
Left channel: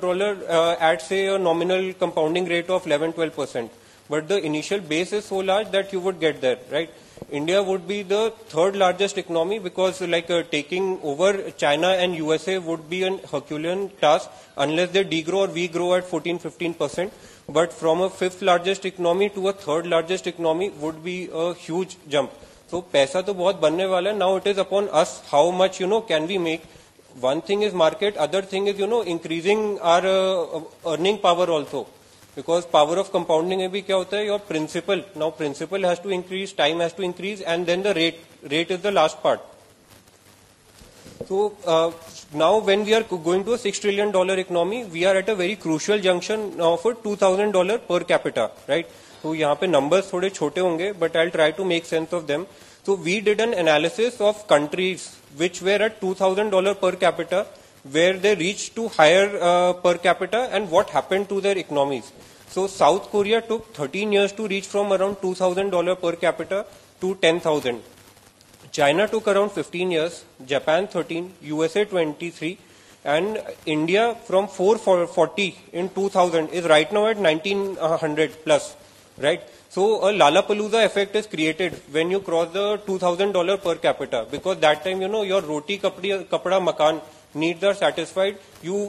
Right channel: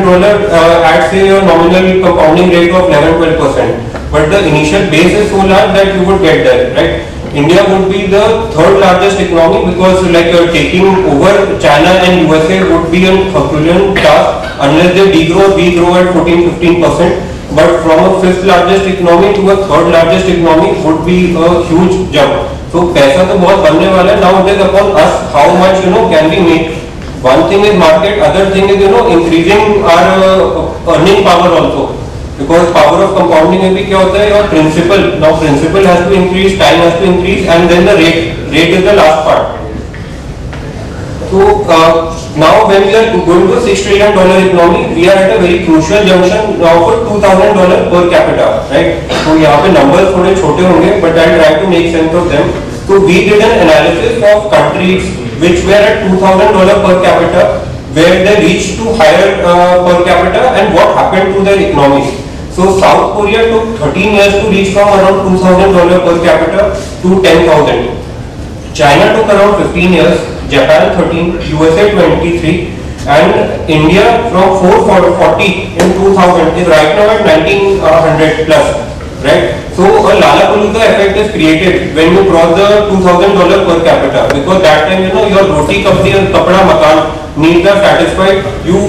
at say a nominal compounding rate of 11-12%, but the initial base is so large that you would get there, right? India would be the third largest economy, because like taking over China and USA would be a Herculean task unless they degrow, we grow at 14-15%. But from a fifth largest economy to a third largest economy would be a huge jump. So पैसा तो बहुत बनने वाला है. Now it is upon us how much can we make. One thing is market, other thing is increasing our earning power also, because power of compounding में भी क्या होता है, your principal, now principal has to increase, time has to increase, and then the rate is the last part. So now when we are going to a $6 trillion economy, we are at a very crucial junction now for $2,000 per capita, right? So यहाँ पे numbers थोड़े छोटे होंगे, but I try to make sense of them. So we did an analysis of countries which were at $2,000 per capita, where they reached to higher per capita, and what happened to their economies. So South Korea took 13 years to reach from around $2,000 per capita to 10,000. China took around 15 years. Japan 13, USA 23, and India from 440 in 2000 is right now at 1900 plus. Right? So a Lollapalooza effect is created when you cross the $2,000 per capita, because that time your roti kapdi and kapda makan needs are satisfied. You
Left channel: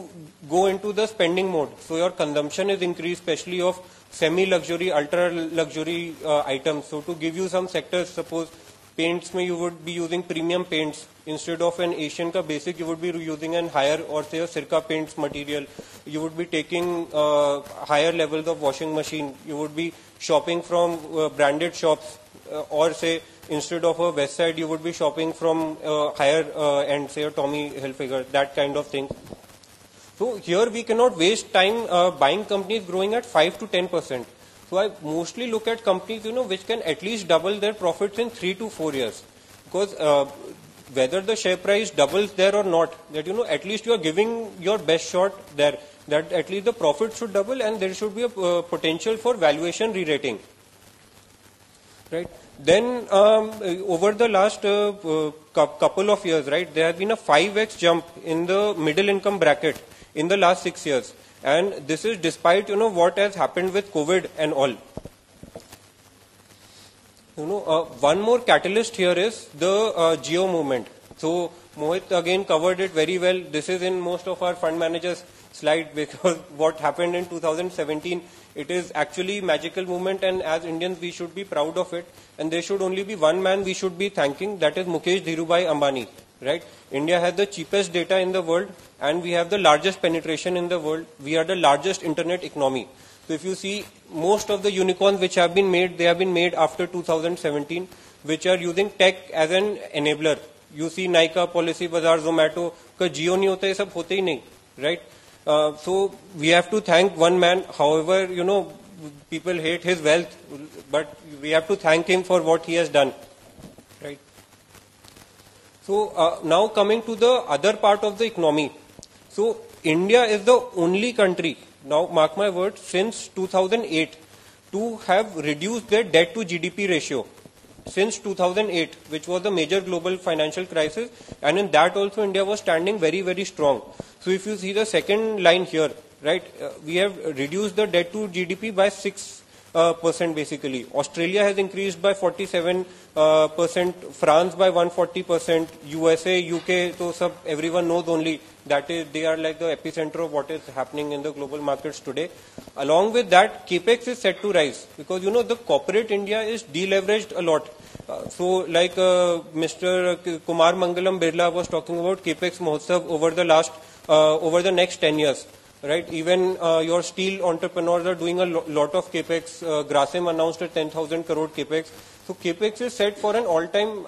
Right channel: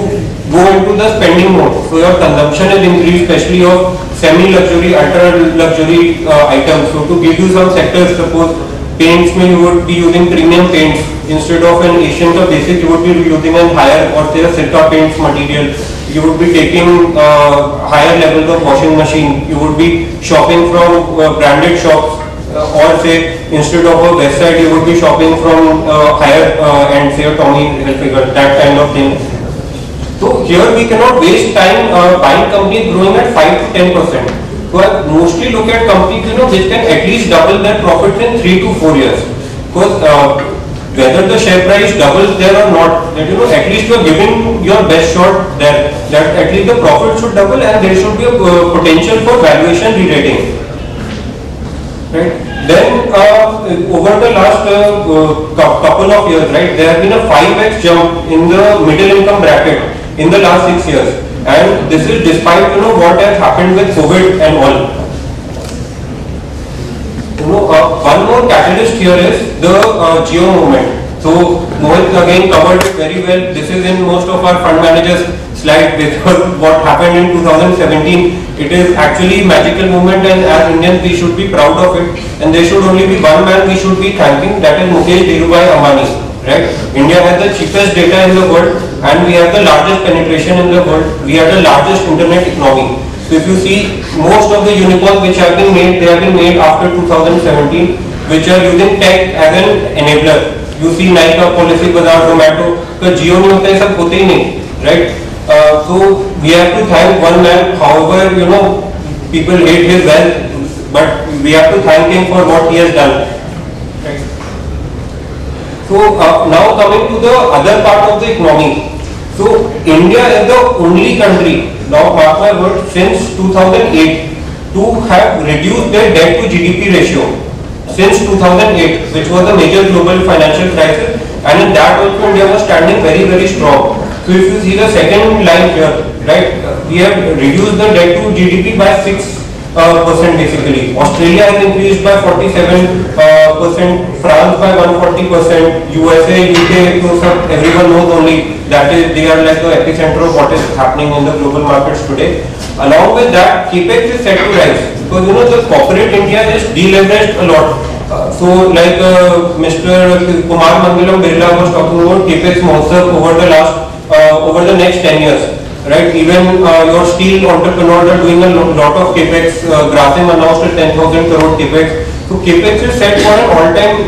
go into the spending mode, so your consumption is increased, especially of semi-luxury, ultra-luxury items. So to give you some sectors, suppose paints, you would be using premium paints instead of an Asian Cup basic. You would be using a higher or say a Sirca paints material. You would be taking higher levels of washing machine. You would be shopping from branded shops, or say instead of a West Side, you would be shopping from higher and say a Tommy Hilfiger, that kind of thing. So here we cannot waste time buying companies growing at 5 to 10%. So I mostly look at companies which can at least double their profits in 3 to 4 years. Because whether the share price doubles there or not, that at least you are giving your best shot there, that at least the profit should double and there should be a potential for valuation re-rating. Right? Then over the last couple of years, right, there has been a 5x jump in the middle income bracket in the last 6 years, and this is despite what has happened with COVID and all. One more catalyst here is the Jio movement. So Mohit again covered it very well. This is in most of our fund managers slide with what happened in 2017. It is actually magical movement, and as Indians we should be proud of it. And there should only be one man we should be thanking, that is Mukesh Dhirubhai Ambani. Right? India has the cheapest data in the world, and we have the largest penetration in the world. We are the largest internet economy. So if you see, most of the unicorns which have been made, they have been made after 2017, which are using tech as an enabler. You see Nykaa, Policybazaar, Zomato, तो Jio नहीं होता है, सब होते ही नहीं, right? So we have to thank one man. However, people hate his wealth, but we have to thank him for what he has done. Right? So now coming to the other part of the economy. So India is the only country, now mark my word, since 2008 to have reduced their debt to GDP ratio. Since 2008, which was a major global financial crisis, and in that also India was standing very, very strong. So if you see the second line here, right, we have reduced the debt to GDP by 6% basically. Australia has increased by 47%, France by 140%, USA, UK, everyone knows only that is they are like the epicenter of what is happening in the global markets today. Along with that, capex is set to rise because the corporate India is deleveraged a lot. So like Mr. Kumar Mangalam Birla was talking about capex Mahotsav over the next 10 years. Right, even your steel entrepreneurs are doing a lot of capex. Grasim announced a 10,000 crore capex. So capex is set for an all-time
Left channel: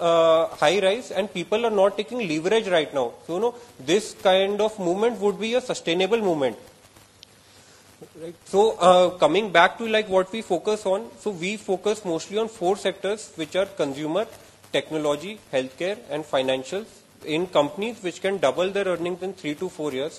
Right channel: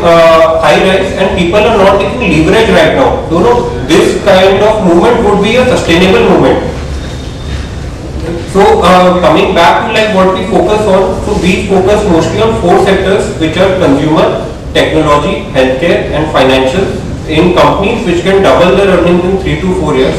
high rise, and people are not taking leverage right now. This kind of movement would be a sustainable movement. So coming back to like what we focus on, so we focus mostly on 4 sectors, which are consumer, technology, healthcare, and financial, in companies which can double their earnings in 3 to 4 years.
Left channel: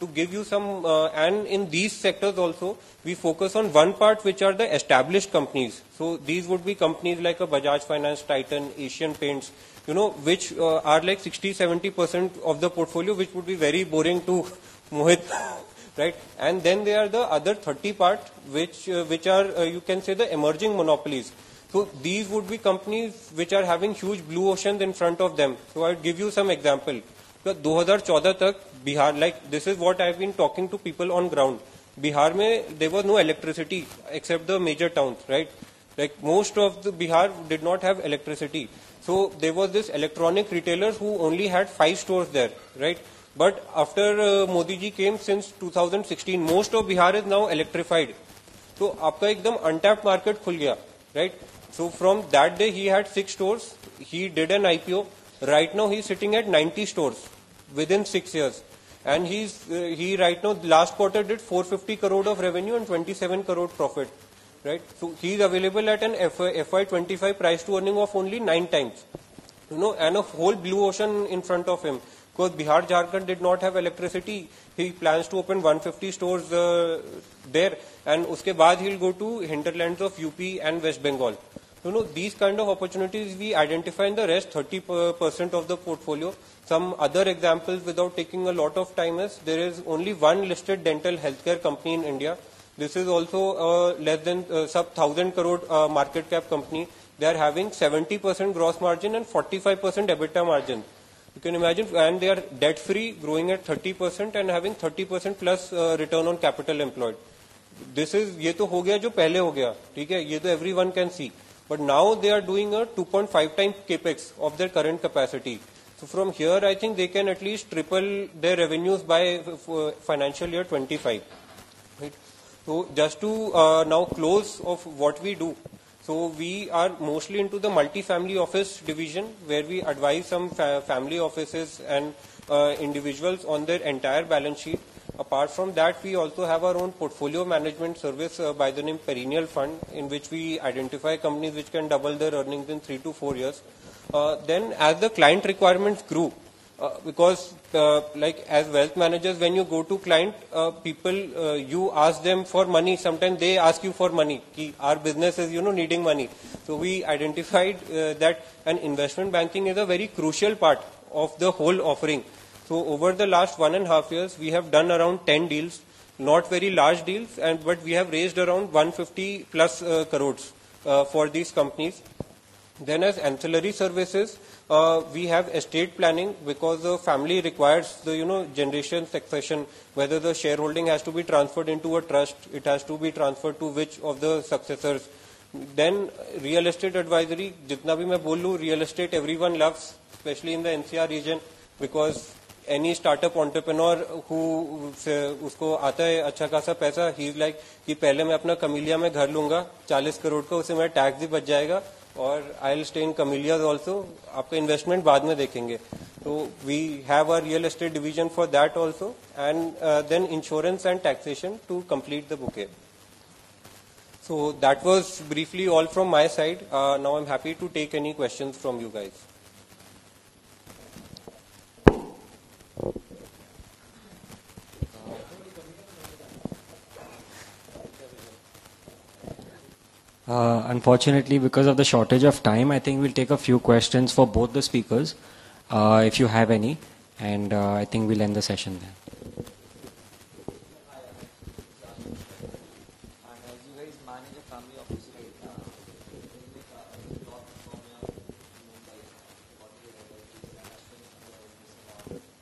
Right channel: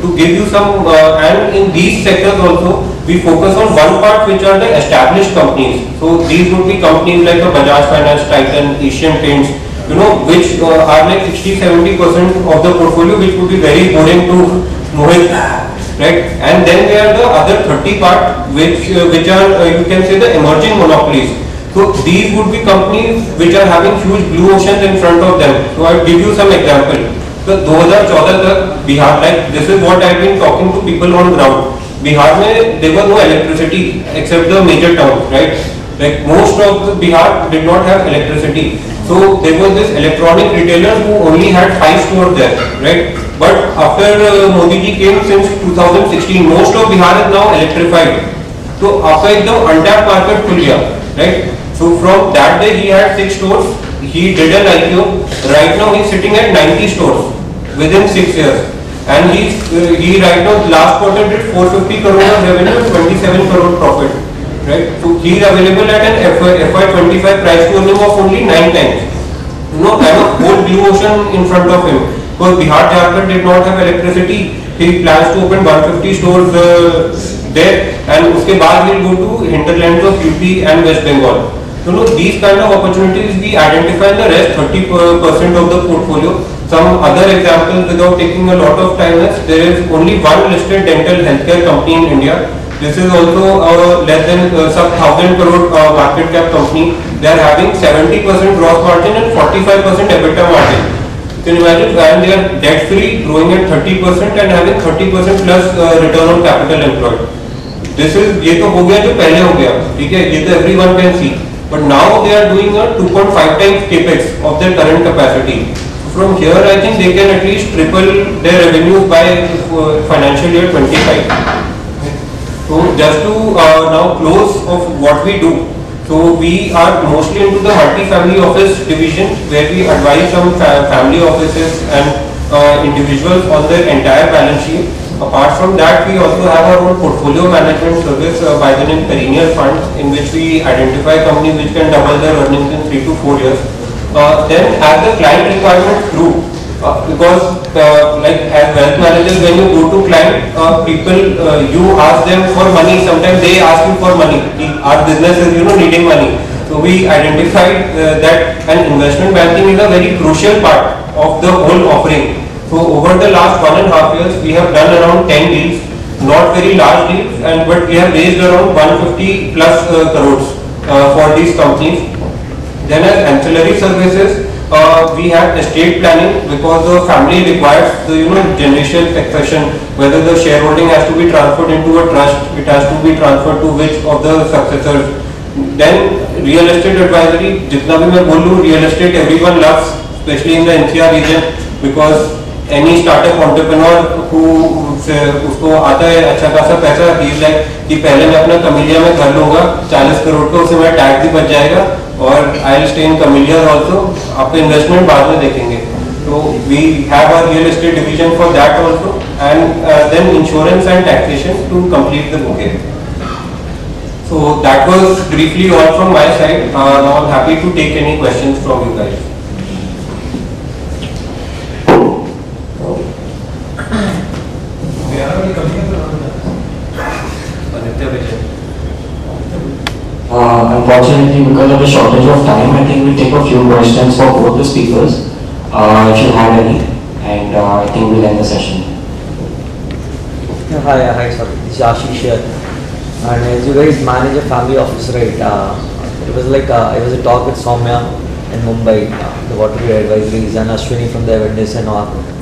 To give you some, and in these sectors also, we focus on one part which are the established companies. So these would be companies like the Bajaj Finance, Titan, Asian Paints, which are like 60-70% of the portfolio, which would be very boring to Mohit, right? And then there are the other 30 part, which are you can say the emerging monopolies. So these would be companies which are having huge blue oceans in front of them. So I'll give you some example. So 2014 तक Bihar, like this is what I've been talking to people on ground. Bihar में there was no electricity except the major towns, right? Like most of the Bihar did not have electricity. So there was this electronic retailer who only had 5 stores there, right? But after Modi ji came since 2016, most of Bihar is now electrified. So after the untapped market खुल गया, right? So from that day he had 6 stores. He did an IPO. Right now he's sitting at 90 stores within 6 years, and he right now last quarter did 450 crore of revenue and 27 crore profit. Right? So he is available at an FY25 price to earning of only 9 times. And a whole blue ocean in front of him. Because Bihar Jharkhand did not have electricity, he plans to open 150 stores there, and उसके बाद will go to hinterlands of UP and West Bengal. These kind of opportunities we identify in the rest 30% of the portfolio. Some other examples without taking a lot of time is there is only one listed dental healthcare company in India. This is also a less than sub 1,000 crore market cap company. They are having 70% gross margin and 45% EBITDA margin. You can imagine, and they are debt free, growing at 30% and having 30% plus return on capital employed. This is ये तो हो गया जो पहले हो गया, ठीक है, ये तो everyone can see. But now they are doing a 2.5 times capex of their current capacity. From here, I think they can at least triple their revenues by financial year 25. So just to now close of what we do. So we are mostly into the multi-family office division, where we advise some family offices and individuals on their entire balance sheet. Apart from that, we also have our own portfolio management service by the name Perennial Fund, in which we identify companies which can double their earnings in 3 to 4 years. Then as the client requirements grew, because like as wealth managers, when you go to client, people, you ask them for money, sometimes they ask you for money. Our business is, needing money. So we identified that an investment banking is a very crucial part of the whole offering. So over the last 1.5 years, we have done around 10 deals, not very large deals, but we have raised around 150 plus crores for these companies. Then as ancillary services, we have estate planning, because the family requires the generational succession, whether the shareholding has to be transferred into a trust, it has to be transferred to which of the successors. Then real estate advisory, jitna bhi main bolu, real estate everyone loves, especially in the NCR region, because any startup entrepreneur who उसको आता है अच्छा खासा पैसा, he is like कि पहले मैं अपना कमिलिया में कर लूँगा 40 करोड़ का, उससे मेरा टैक्स भी बच जाएगा और I'll stay in Camellias also, आपके इन्वेस्टमेंट बाद में देखेंगे. So we have a real estate division for that also, and then insurance and taxation to complete the bouquet. So that was briefly all from my side. Now I'm happy to take any questions from you guys. Unfortunately, because of the shortage of time, I think we'll take a few questions for both the speakers, if you have any, and I think we'll end the session. Hi, sir. This is Ashish here. And as you guys manage a family office, right? It was like it was a talk with Soumya in Mumbai, the waterway advisories, and Ashwini from the Avendis and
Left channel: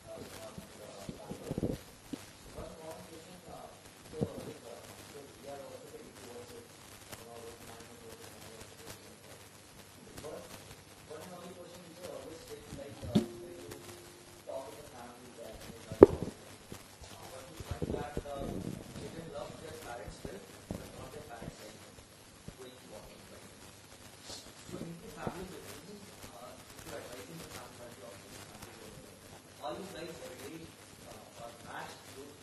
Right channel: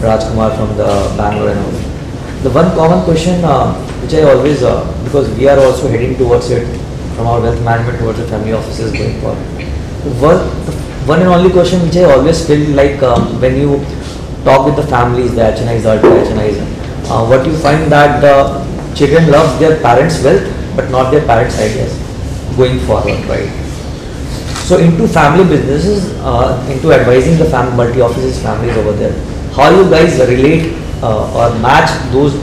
Rajkumar from the Bangalore and all. The one common question which I always, because we are also heading towards it, from our wealth management towards the family offices going forward. The one and only question which I always feel like when you talk with the families, the HNIs, the ultra HNIs, what you find that the children love their parents' wealth but not their parents' ideas going forward, right? So into family businesses, into advising the multi-offices, families over there, how you guys relate or match those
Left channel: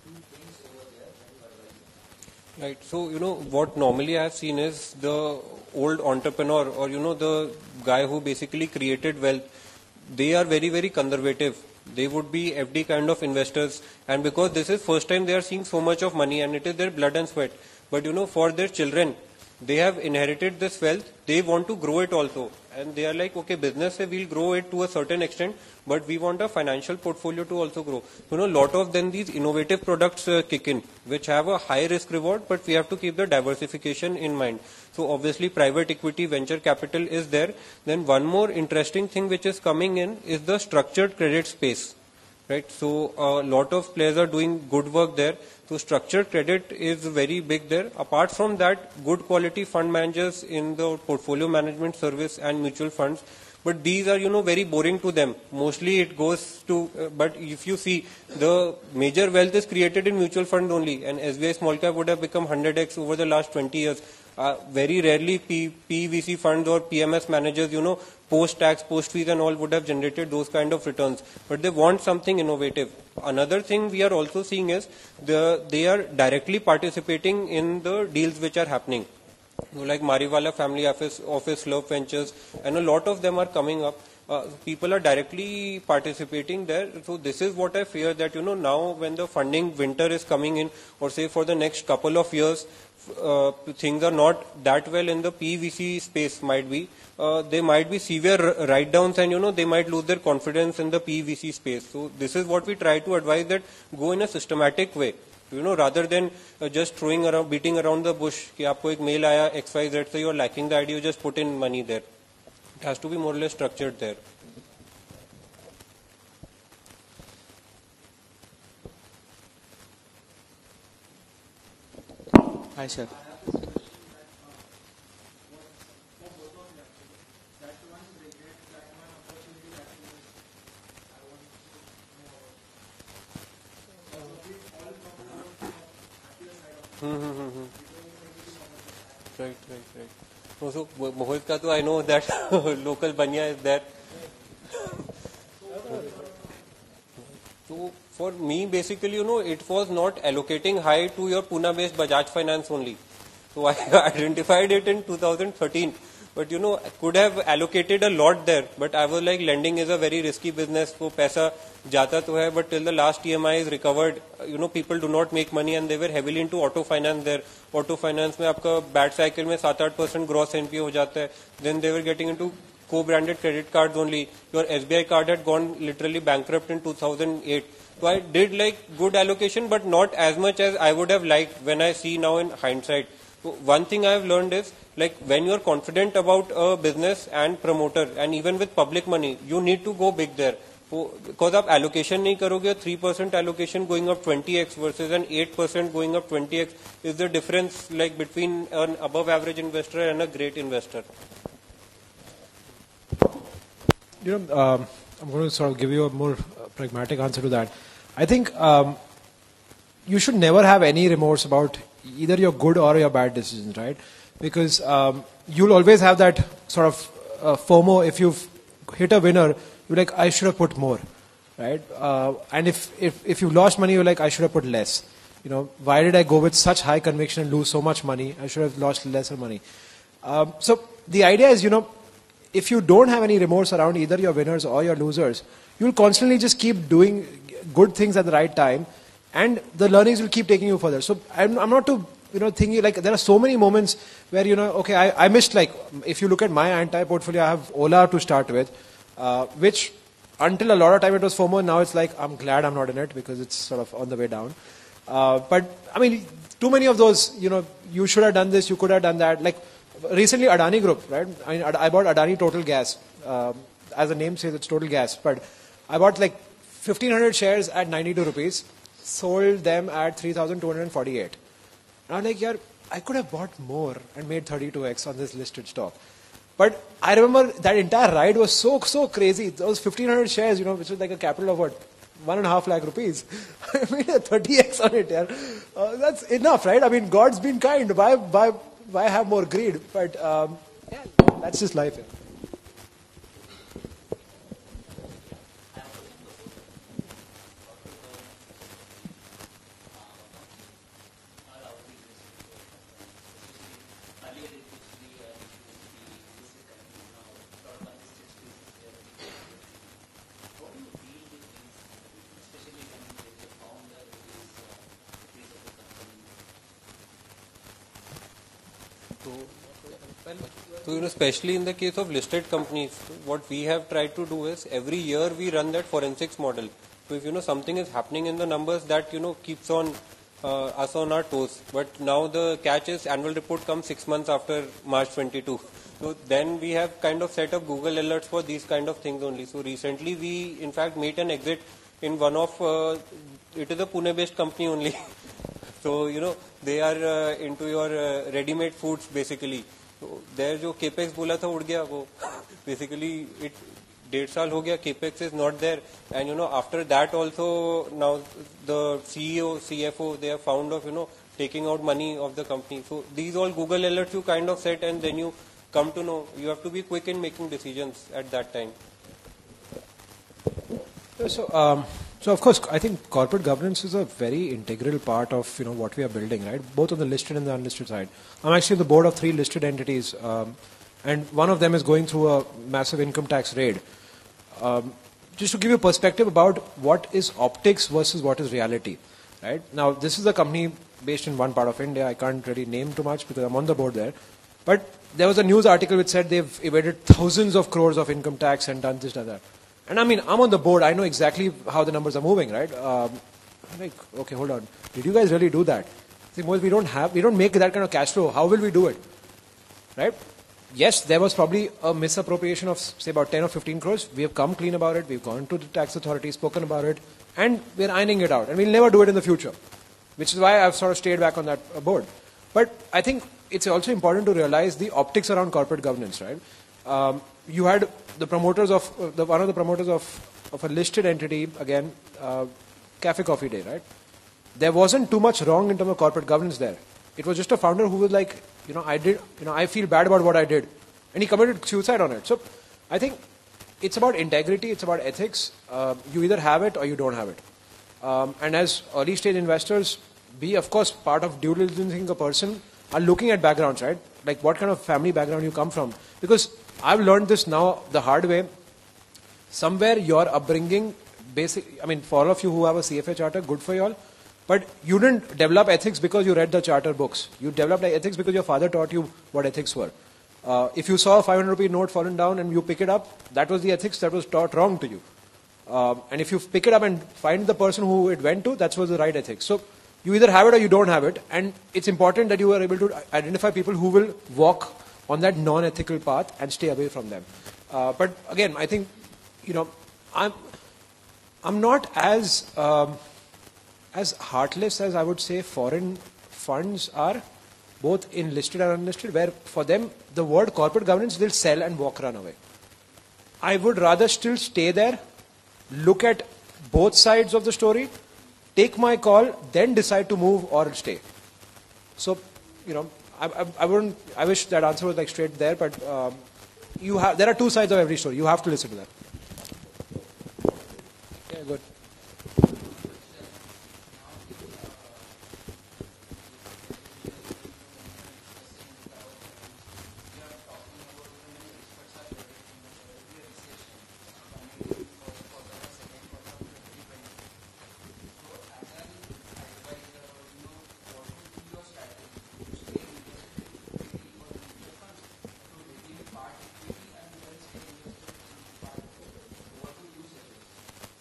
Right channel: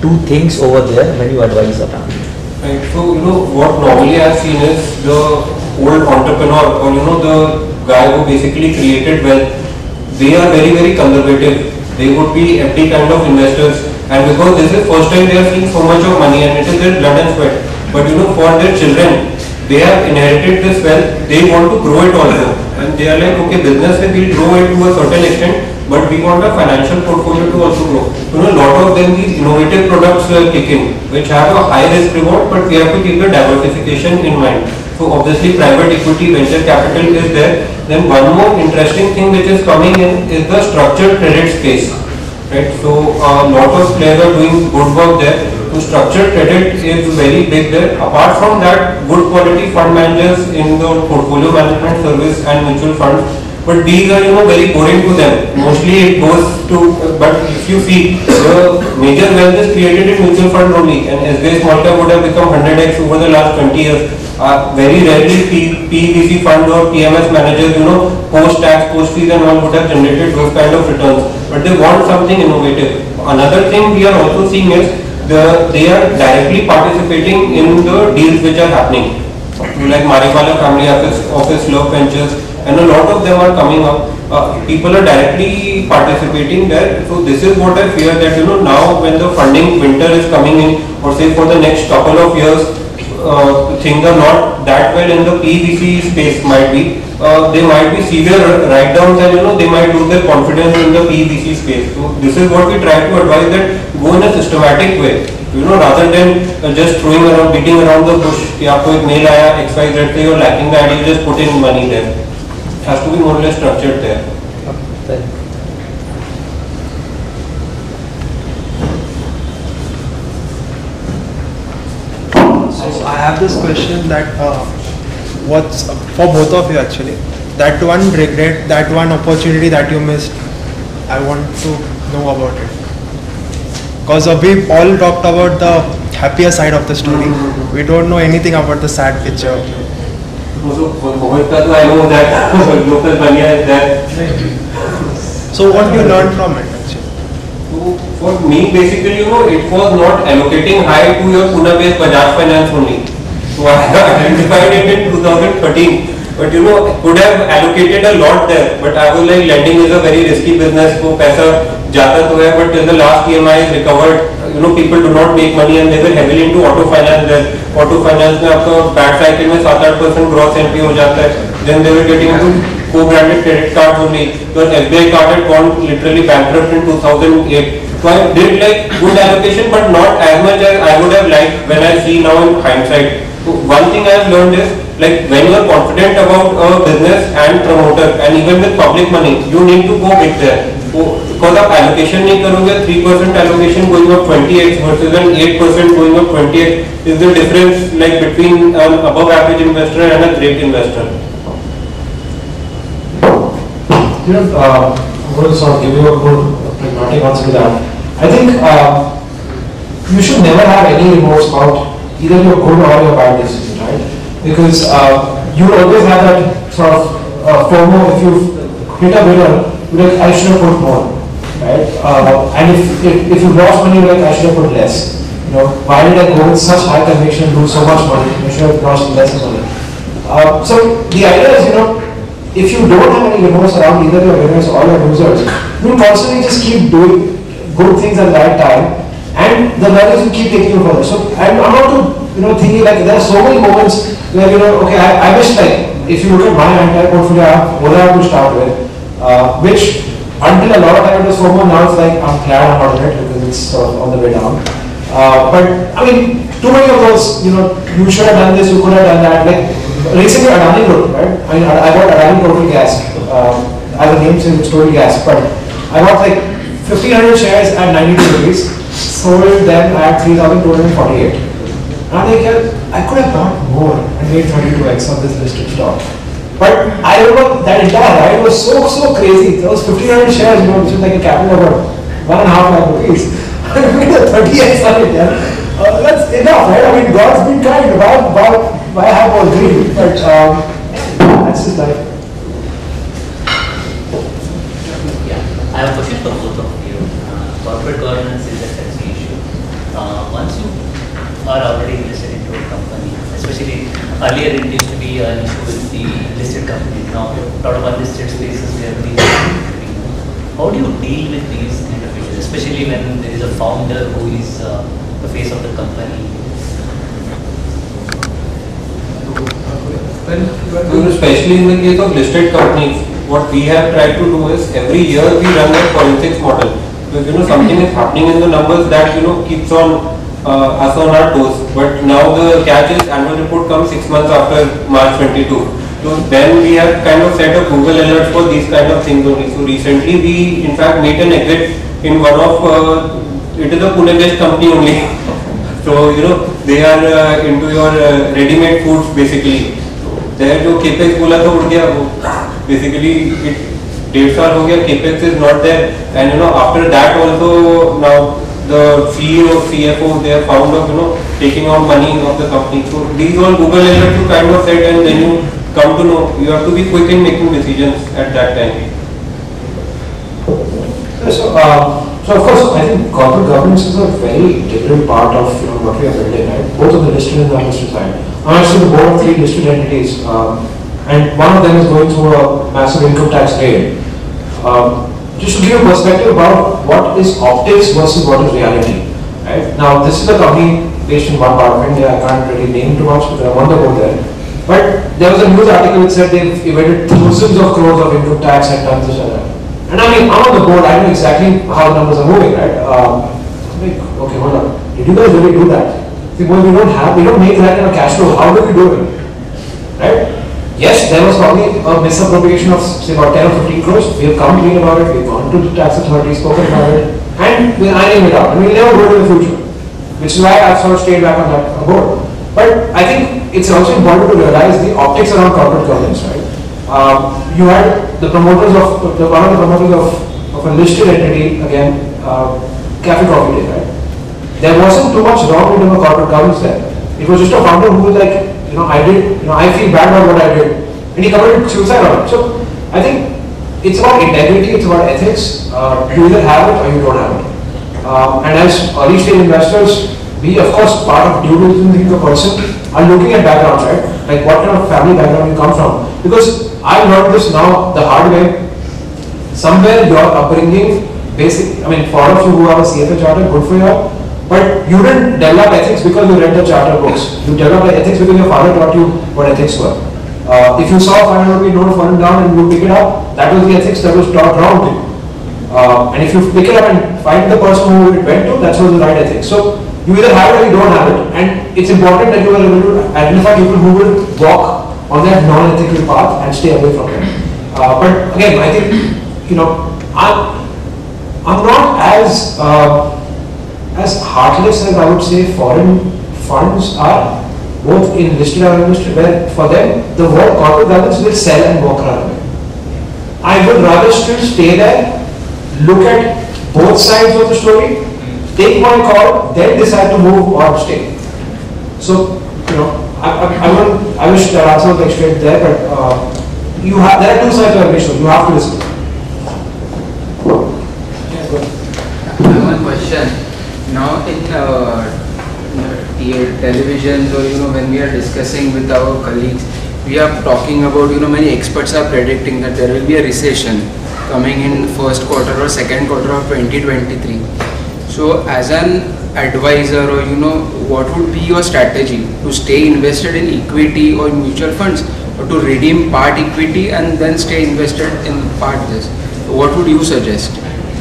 two things over there when you advise a family? Right. So, what normally I've seen is the old entrepreneur, or the guy who basically created wealth, they are very, very conservative. They would be FD kind of investors, and because this is first time they are seeing so much of money and it is their blood and sweat. But for their children, they have inherited this wealth, they want to grow it also. And they are like, okay, business will grow it to a certain extent, but we want a financial portfolio to also grow. A lot of them, these innovative products kick in, which have a high risk reward, but we have to keep the diversification in mind. So obviously private equity, venture capital is there. Then one more interesting thing which is coming in is the structured credit space. Right? So a lot of players are doing good work there. So structured credit is very big there. Apart from that, good quality fund managers in the portfolio management service and mutual funds. But these are very boring to them. Mostly it goes to, but if you see, the major wealth is created in mutual fund only, and SBI Small Cap would have become 100x over the last 20 years. Very rarely PVC funds or PMS managers, post-tax, post-fees and all would have generated those kind of returns. But they want something innovative. Another thing we are also seeing is they are directly participating in the deals which are happening. Like Mariwala Family Office, Love Ventures, and a lot of them are coming up. People are directly participating there. So this is what I fear, that now when the funding winter is coming in, or say for the next couple of years, things are not that well in the PVC space might be. there might be severe write-downs and they might lose their confidence in the PVC space. So this is what we try to advise, that go in a systematic way, rather than just throwing around, beating around the bush. कि आपको एक mail आया XYZ से, you're lacking that, you just put in money there. It has to be more or less structured there. So I have this question that what's for both of you actually. That one regret, that one opportunity that you missed, I want to know about it. Because we all talked about the happier side of the story. We don't know anything about the sad picture. Also, for Mohit, I know that local Banya is there. So what you learned from it actually? So for me, basically, it was not allocating high to your Pune-based Bajaj Finance only. So I identified it in 2013. But could have allocated a lot there. But I was like, lending is a very risky business. So paisa jata to hai, but till the last EMI is recovered, people do not make money, and they were heavily into auto finance there. Auto finance में आपका bad cycle में 7-8% gross NP हो जाता है. Then they were getting into co-branded credit cards only. Your SBI card had gone literally bankrupt in 2008. So I did like good allocation, but not as much as I would have liked when I see now in hindsight. So one thing I have learned is, like, when you are confident about a business and promoter, and even with public money, you need to go big there. So, because आप allocation नहीं करोगे, 3% allocation going up 20x versus an 8% going up 20x is the difference, like, between an above average investor and a great investor. I'm going to sort of give you a good pragmatic answer to that. I think you should never have any remorse about either your good or your bad decision, right? Because you always have that sort of FOMO. If you hit a winner, like, I should have put more, right? And if you lost money, like, I should have put less. Why did I go with such high conviction and lose so much money? I should have lost less money. So the idea is, if you don't have any remorse around either your winners or your losers, you constantly just keep doing good things at the right time, and the values will keep taking you further. So I'm not thinking like there are so many moments where okay, I wish, like, if you look at my entire portfolio, I have Ola to start with, which until a lot of time it was FOMO, now it's like I'm glad I'm out of it because it's sort of on the way down. But I mean, too many of those, you should have done this, you could have done that. Like recently Adani Group, right? I mean, I bought Adani Total Gas. I have a name saying it's Total Gas, but I bought like 1,500 shares at 92 rupees, sold them at 3,248. And I could have bought more and made 32x on this listed stock. But I remember that entire ride was so crazy. There was 1,500 shares, which is like a capital of about 1.5 lakh rupees. I made a 30x on it. That's enough, right? I mean, God's been kind. Why have more greed? But that's his life. I have a question for both of you. Corporate governance is a sexy issue. Once you are already invested into a company, especially earlier it used to be an issue with the listed companies. Now, a lot of unlisted spaces where these how do you deal with these kind of issues, especially when there is a founder who is the face of the company? Well, especially in the case of listed companies, what we have tried to do is every year we run a forensics model. Because something is happening in the numbers that keeps on us on our toes. But now the catch is annual report comes 6 months after March 22. So then we have kind of set up Google alerts for these kind of things only. So recently we in fact made an exit in one of it is a Pune-based company only. So they are into your ready-made foods basically. There जो capex बोला था उड़ गया वो basically it 1.5 साल हो गया, capex is not there, and after that also now the CEO, CFO, they are found of taking out money of the company. So these all Google alerts you kind of set, and then you come to know you have to be quick in making decisions at that time. So of course, I think corporate governance is a very integral part of what we are building, right? Both on the listed and the unlisted side. I'm actually on the board of 3 listed entities, and one of them is going through a massive income tax raid. Just to give you a perspective about what is optics versus what is reality. Right? Now, this is a company based in one part of India. I can't really name too much, but I want to go there. But there was a news article which said they've evaded thousands of crores of income tax and done this and that. And I mean, I'm on the board, I know exactly how the numbers are moving, right? I'm like, okay, hold on. Did you guys really do that? See, boy, we don't make that kind of cash flow. How do we do it? Right? Yes, there was probably a misappropriation of say about 10 or 15 crores. We have come clean about it. We've gone to the tax authority, spoken about it, and we're ironing it out. And we'll never do it in the future. Which is why I've sort of stayed back on that board. But I think it's also important to realize the optics around corporate governance, right? You had the promoters of one of the promoters of a listed entity again, Cafe Coffee Day, right? There wasn't too much wrong in terms of corporate governance there. It was just a founder who was like, I feel bad about what I did, and he committed suicide on it. So I think it's about integrity, it's about ethics. You either have it or you don't have it. And as early stage investors, we of course part of due diligence the person are looking at backgrounds, right? Like what kind of family background you come from. Because I learned this now the hard way. Somewhere your upbringing, for all of you who have a CFA charter, good for you. But you didn't develop ethics because you read the charter books. You developed ethics because your father taught you what ethics were. If you saw 500 rupee note falling down and you pick it up, that was the ethics that was taught wrong to you. And if you pick it up and find the person who it went to, that's what the right ethics. So you either have it or you don't have it. And it's important that you are able to identify people who will walk on that non-ethical path and stay away from them. But again, I think, I'm not as heartless as I would say foreign funds are, both in listed and unlisted, where for them the word corporate governance will sell and walk around. I would rather still stay there, look at both sides of the story, take my call, then decide to move or stay. So, I wish the answer was straight there, but there are two sides of every story. You have to listen. I have one question. Now in televisions or when we are discussing with our colleagues, we are talking about many experts are predicting that there will be a recession coming in first quarter or second quarter of 2023. So as an advisor or what would be your strategy to stay invested in equity or mutual funds, or to redeem part equity and then stay invested in part this? What would you suggest?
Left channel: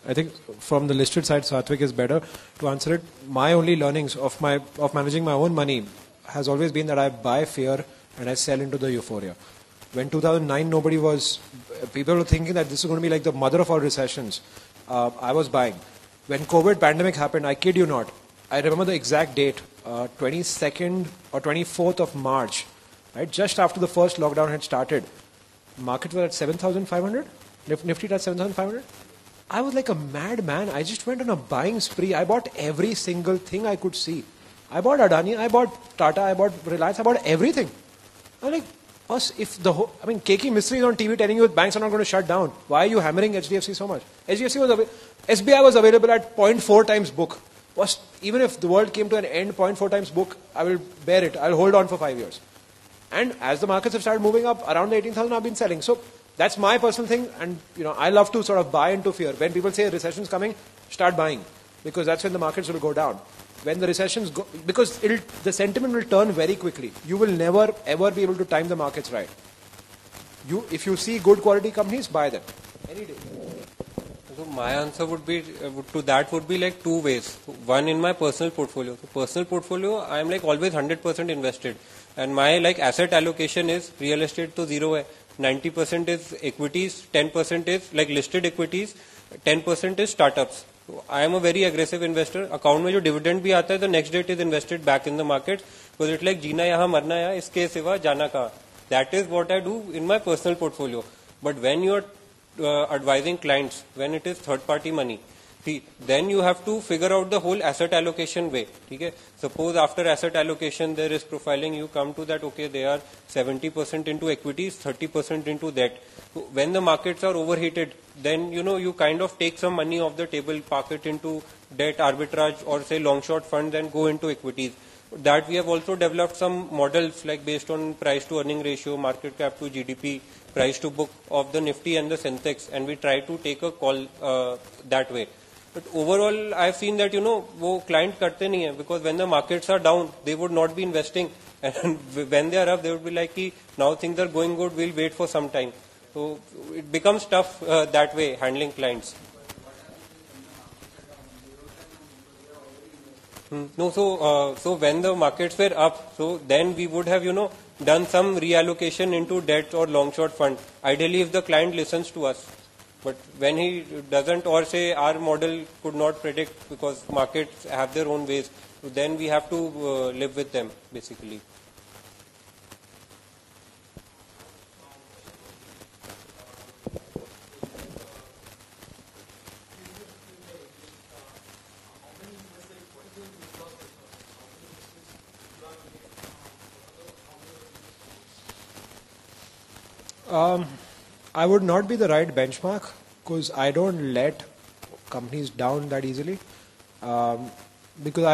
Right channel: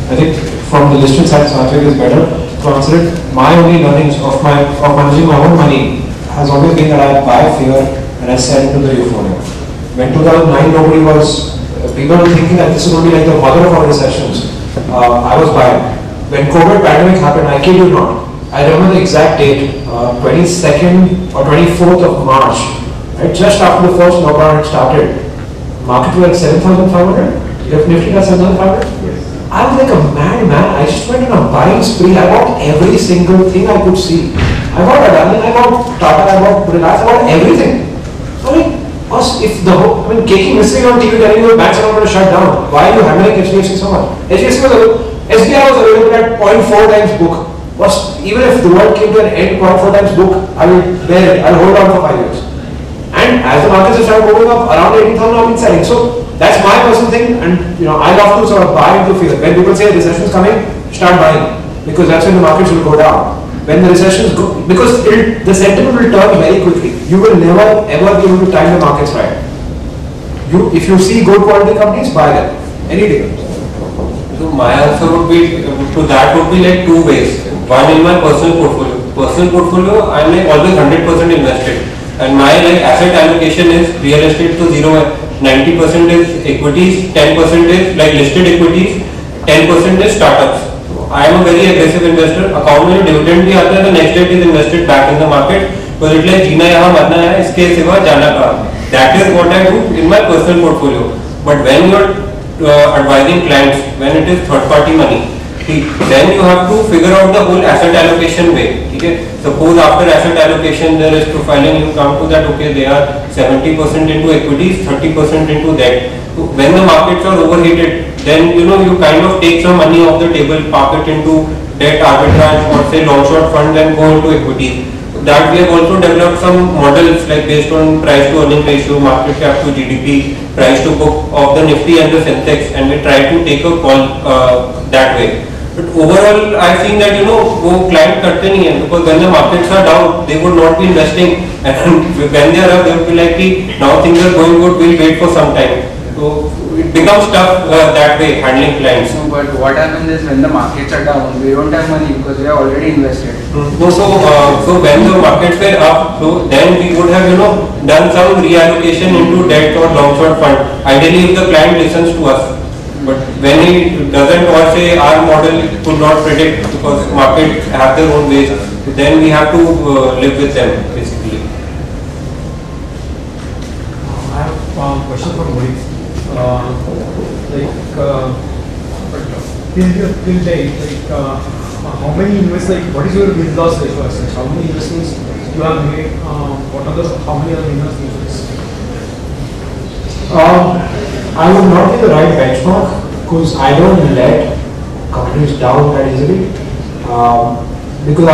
I think from the listed side, so I think it's better to answer it. My only learnings of managing my own money has always been that I buy fear and I sell into the euphoria. When 2009 nobody was, people were thinking that this is going to be like the mother of all recessions. I was buying. When COVID pandemic happened, I kid you not, I remember the exact date, 22nd or 24th of March, right? Just after the first lockdown had started, market was like 7,500. If Nifty got 7,500. I was like a madman. I just went on a buying spree. I bought every single thing I could see. I bought Adani, I bought Tata, I bought Reliance, I bought everything. Keeping missing on TV telling you banks are not going to shut down. Why are you handling HDFC so much? SBI was available at 0.4 times book. Even if the world came to an end, 0.4 times book, I will bear it. I will hold on for 5 years. And as the markets have started moving up, around 80,000 I've been selling. So that's my personal thing, and I love to sort of buy into fear. When people say recession is coming, start buying, because that's when the markets will go down. When the recessions go, because the sentiment will turn very quickly. You will never ever be able to time the markets right. If you see good quality companies, buy them any day. So my answer would be like two ways. One, in my personal portfolio. Personal portfolio, I'm like always 100% invested. And my asset allocation is real estate to 90% is equities, 10% is listed equities, 10% is startups. So I am a very aggressive investor. Account में dividend भी आता है, the next day it is invested back in the market. Because it's like जीना यहाँ मरना है, इसके सिवा जाना कहाँ. That is what I do in my personal portfolio. But when you are advising clients, when it is third party money, then you have to figure out the whole asset allocation way. Okay? Suppose after asset allocation there is profiling, you come to that, okay, they are 70% into equities, 30% into debt. So when the markets are overheated, then you kind of take some money off the table, park it into debt arbitrage or say long short fund, and go into equity. That we have also developed some models based on price to earning ratio, market cap to GDP, price to book of the Nifty and the Sensex, and we try to take a call that way. But overall, I think that वो client करते नहीं हैं because when the markets are down, they would not be investing, and when they are up, they would be like कि now things are going good, we'll wait for some time. So it becomes tough that way handling clients. No, but what happens is when the markets are down, we don't have money because we have already invested. So when the markets were up, so then we would have done some reallocation into debt or long short fund. Ideally, if the client listens to us. But when he doesn't, or say our model could not predict because markets have their own ways, then we have to live with them basically. I have a question for Mohit. Till date, how many investments? What is your win-loss ratio? How many investments you have made? What are how many other investments? I would not be the right benchmark because I don't let companies down that easily. Because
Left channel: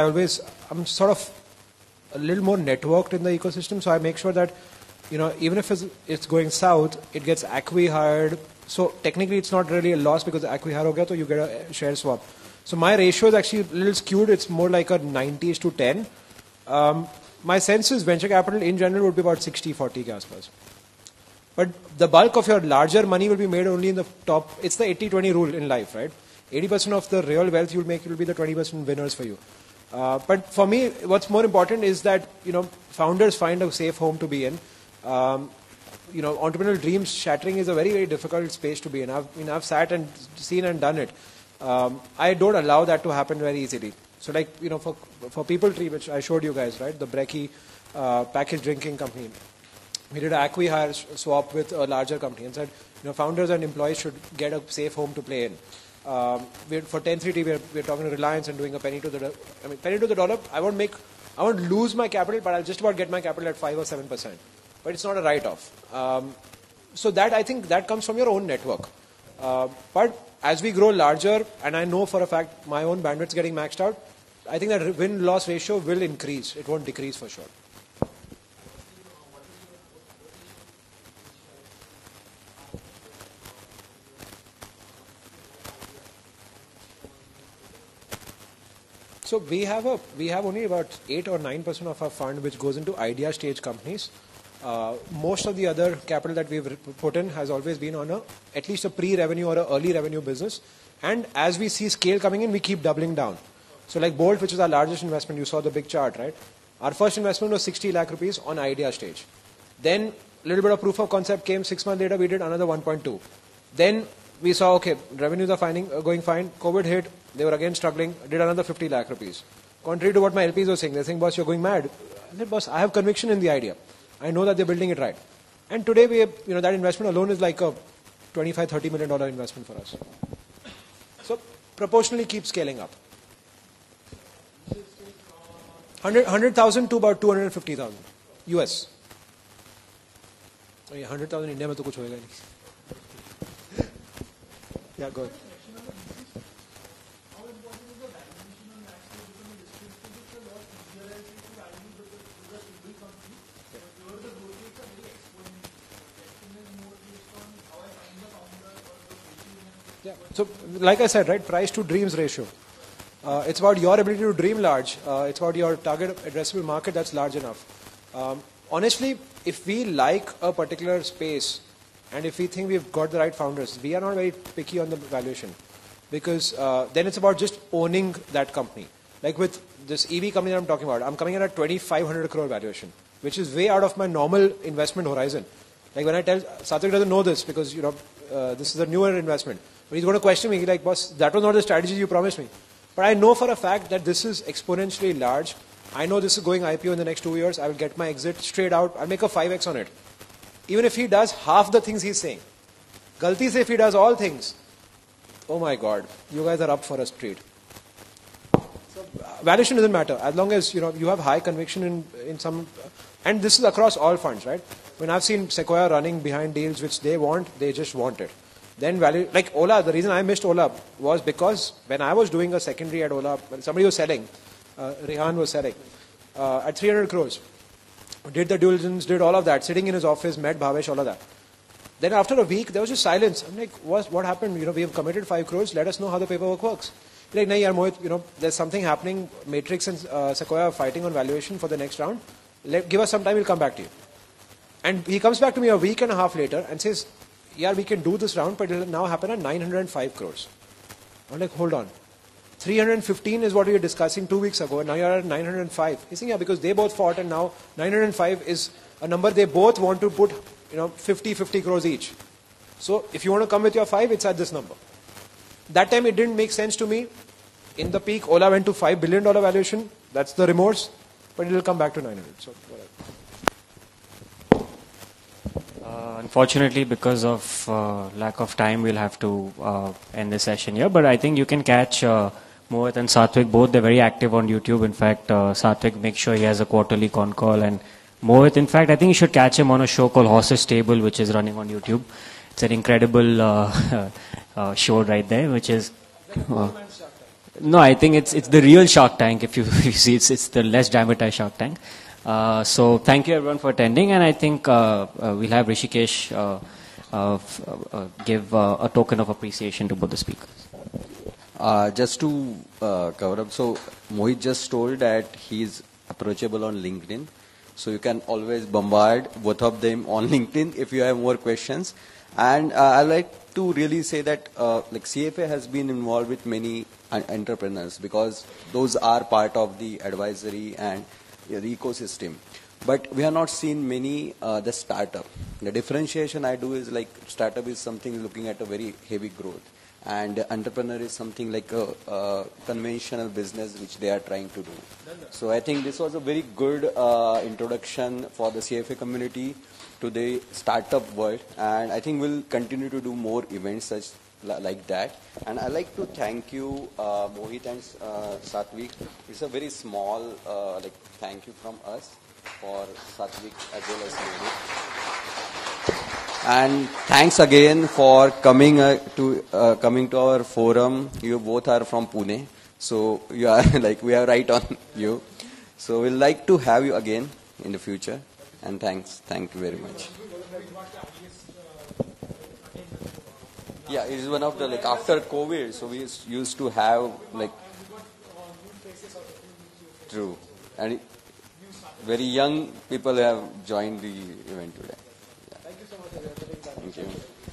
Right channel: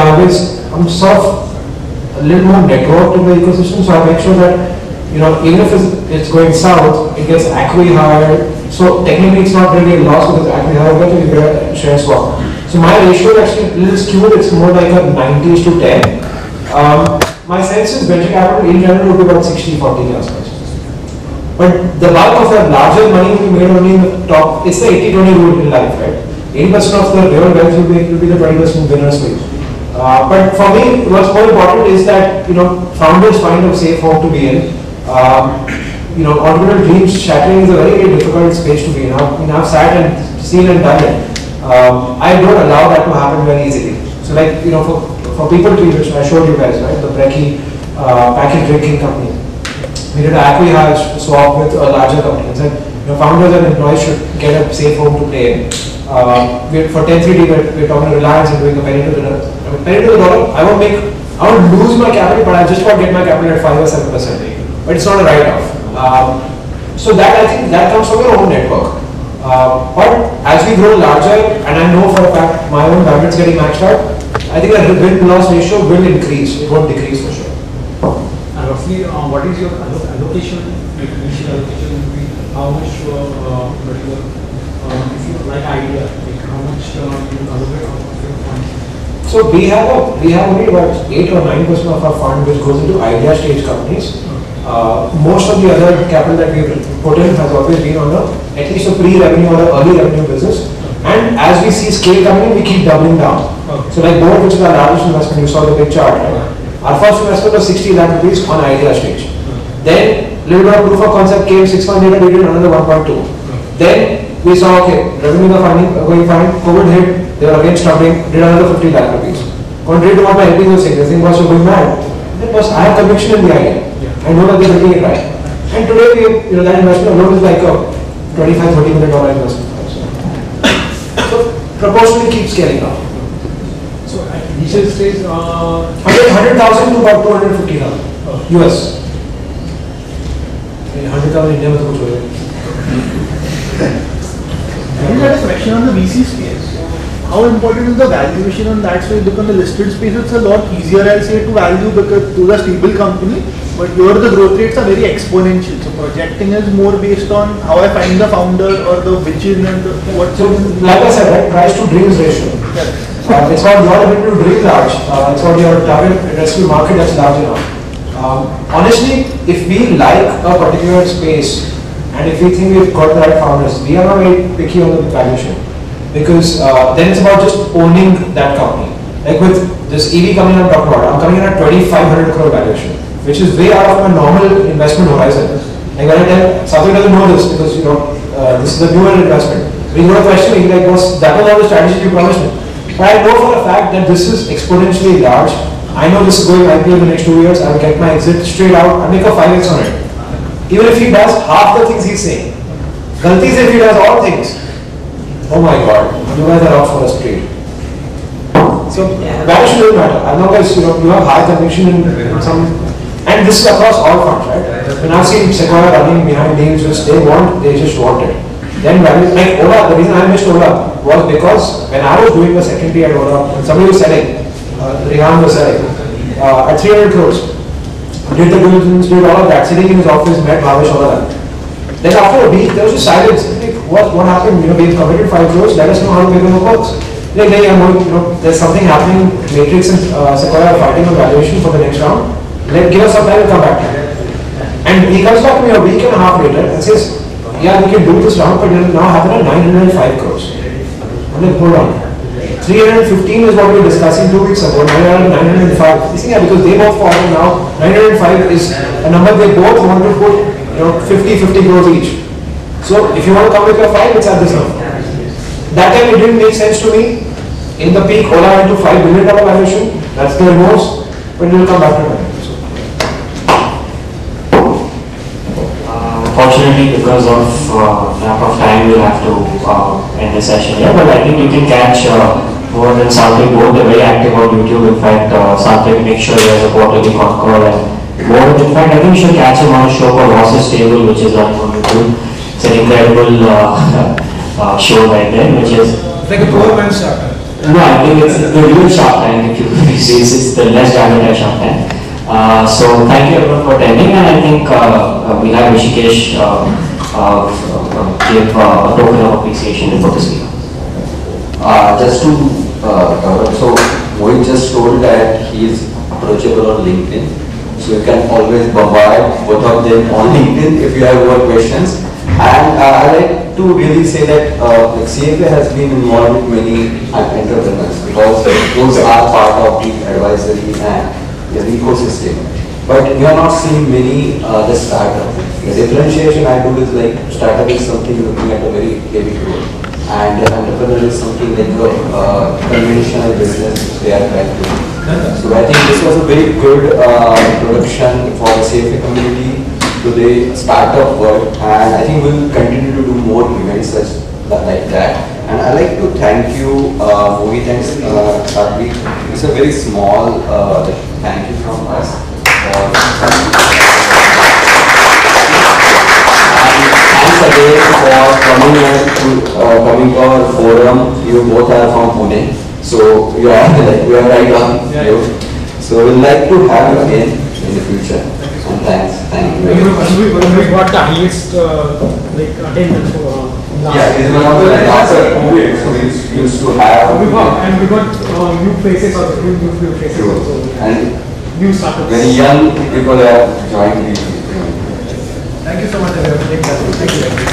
I'm sort of a little more networked in the ecosystem, so I make sure that even if it's going south, it gets acqui-hired. So technically, it's not really a loss because acqui-hired gets you get a share swap. So my ratio is actually a little skewed. It's more like a 90:10. My sense is venture capital in general would be about 60-40 customers. But the bulk of your larger money will be made only in the top. It's the 80-20 rule in life, right? 80% of the real wealth will be the 20% winners will. But for me, what's more important is that founders find a safe home to be in. Entrepreneurial dreams shattering is a very, very difficult space to be in. I've sat and seen and done it. I don't allow that to happen very easily. So like for people to which I showed you guys, right? The Brekkie packaged drinking company. We did an acqui-hire swap with a larger company and said, founders and employees should get a safe home to play in. For 10-3D, we're talking to Reliance and doing a penny to the dollar. Penny to the dollar, I won't lose my capital, but I just want to get my capital at 5 or 7%. But it's not a write-off. So that I think that comes from your own network. But as we grow larger, and I know for a fact my own bandwidth is getting maxed out, I think the win-loss ratio will increase. It won't decrease for sure. Roughly, what is your allocation, like initial allocation would be how much, if you like idea, like how much you allocate of your funds? So we have only about 8 or 9% of our fund which goes into idea stage companies. Most of the other capital that we've put in has always been on at least a pre-revenue or an early revenue business. And as we see scale coming in, we keep doubling down. Okay. So like Board, which is our largest investment, you saw the big chart, right? Our first investment was 60 lakh rupees on idea stage. Then, little bit of proof of concept came, 6 months later we did another 1.2. Then, we saw, okay, revenue are going fine, COVID hit, they were again struggling, did another 50 lakh rupees. Contrary to what my LPs were saying, they think, boss, you're going mad. Then, boss, I have conviction in the idea. I know that they're building it right. And today, that investment alone is like a $25-30 million investment. So, proportionally keep scaling up. So at initial stage, 100,000 to about 250,000 US. 100,000 India was good. I had a question on the VC space. How important is the valuation on that space? Because on the listed space, it's a lot easier, I'll say, to value because those are stable company. But here the growth rates are very exponential. So projecting is more based on how I find the founder or the vision and the what. So, like I said, right, price to dreams ratio. It's not your ability to dream large. It's not your target addressable market that's large enough. Honestly, if we like a particular space and if we think we've got the right founders, we are not very picky on the valuation because then it's about just owning that company. Like with this EV company I'm talking about, I'm coming in at 2,500 crore valuation, which is way out of my normal investment horizon. Like when I tell, Satya doesn't know this because this is a newer investment. So he's going to question me like, boss, that was not the strategy you promised me. But I know for a fact that this is exponentially large. I know this is going IPO in the next 2 years. I will get my exit straight out. I'll make a 5x on it. Even if he does half the things he's saying. Galti is if he does all things. Oh my God, you guys are out for a street. So valuation doesn't matter. As long as you have high conviction in some, and this is across all funds, right? When I've seen Sequoia running behind names, they just want it. Then value, like Ola, the reason I missed Ola was because when I was doing the secondary at Ola, when somebody was selling, Rehan was selling, at 300 crores, did the diligence, did all of that, sitting in his office, met Bhavesh, all of that. Then after a week, there was just silence. Like, what happened? We've committed 5 crores, let us know how to make it work. like, hey, there's something happening, Matrix and Sequoia are fighting on valuation for the next round, give us some time to come back to it. And he comes back to me a week and a half later and says, yeah, we can do this round, but it will now happen at 905 crores. I'm like, hold on. 315 is what we were discussing 2 weeks ago, now we are at 905. You see, yeah, because they both fallen now, 905 is a number they both want to put, 50 crores each. So if you want to come with your 5, it's at this number. That time it didn't make sense to me. In the peak, Ola went to $5 billion valuation. That's the remorse, but it will come back to that. Fortunately, because of lack of time, we'll have to end the session here. But I think you can catch more than Sathvik both. They're very active on YouTube. In fact, Sathvik makes sure there's a quarterly con call and more. In fact, I think you should catch him on a show called Ross's Table, which is running on YouTube. It's an incredible show right there, which is like a poor man's Shark Tank. No, I think it's the real Shark Tank. If you see, it's the less dramatized Shark Tank. So thank you everyone for attending, and I think we have Rishikesh give a token of appreciation for the speaker. Just to cover, so Mohit just told that he is approachable on LinkedIn, so you can always bombard both of them on LinkedIn if you have more questions. And I like to really say that CFA has been involved with many entrepreneurs because those are part of the advisory and the ecosystem. But we are not seeing many the startup. The differentiation I do is like startup is something looking at a very heavy growth, and entrepreneur is something like a conventional business which they are trying to do. So I think this was a very good introduction for the CFA community to the startup world, and I think we'll continue to do more events such like that. And I'd like to thank you, Mohit and Sathvik. It's a very small thank you from us. And thanks again for coming here to our forum. You both are from Pune, so we are right on you. So we'd like to have you again in the future. And thanks. Thank you. We got the highest attendance for yeah, this is one of the after COVID, so we used to have. And we got new faces also, new faces also. And new startups. Very young people are joining. Thank you so much, everyone. Thank you.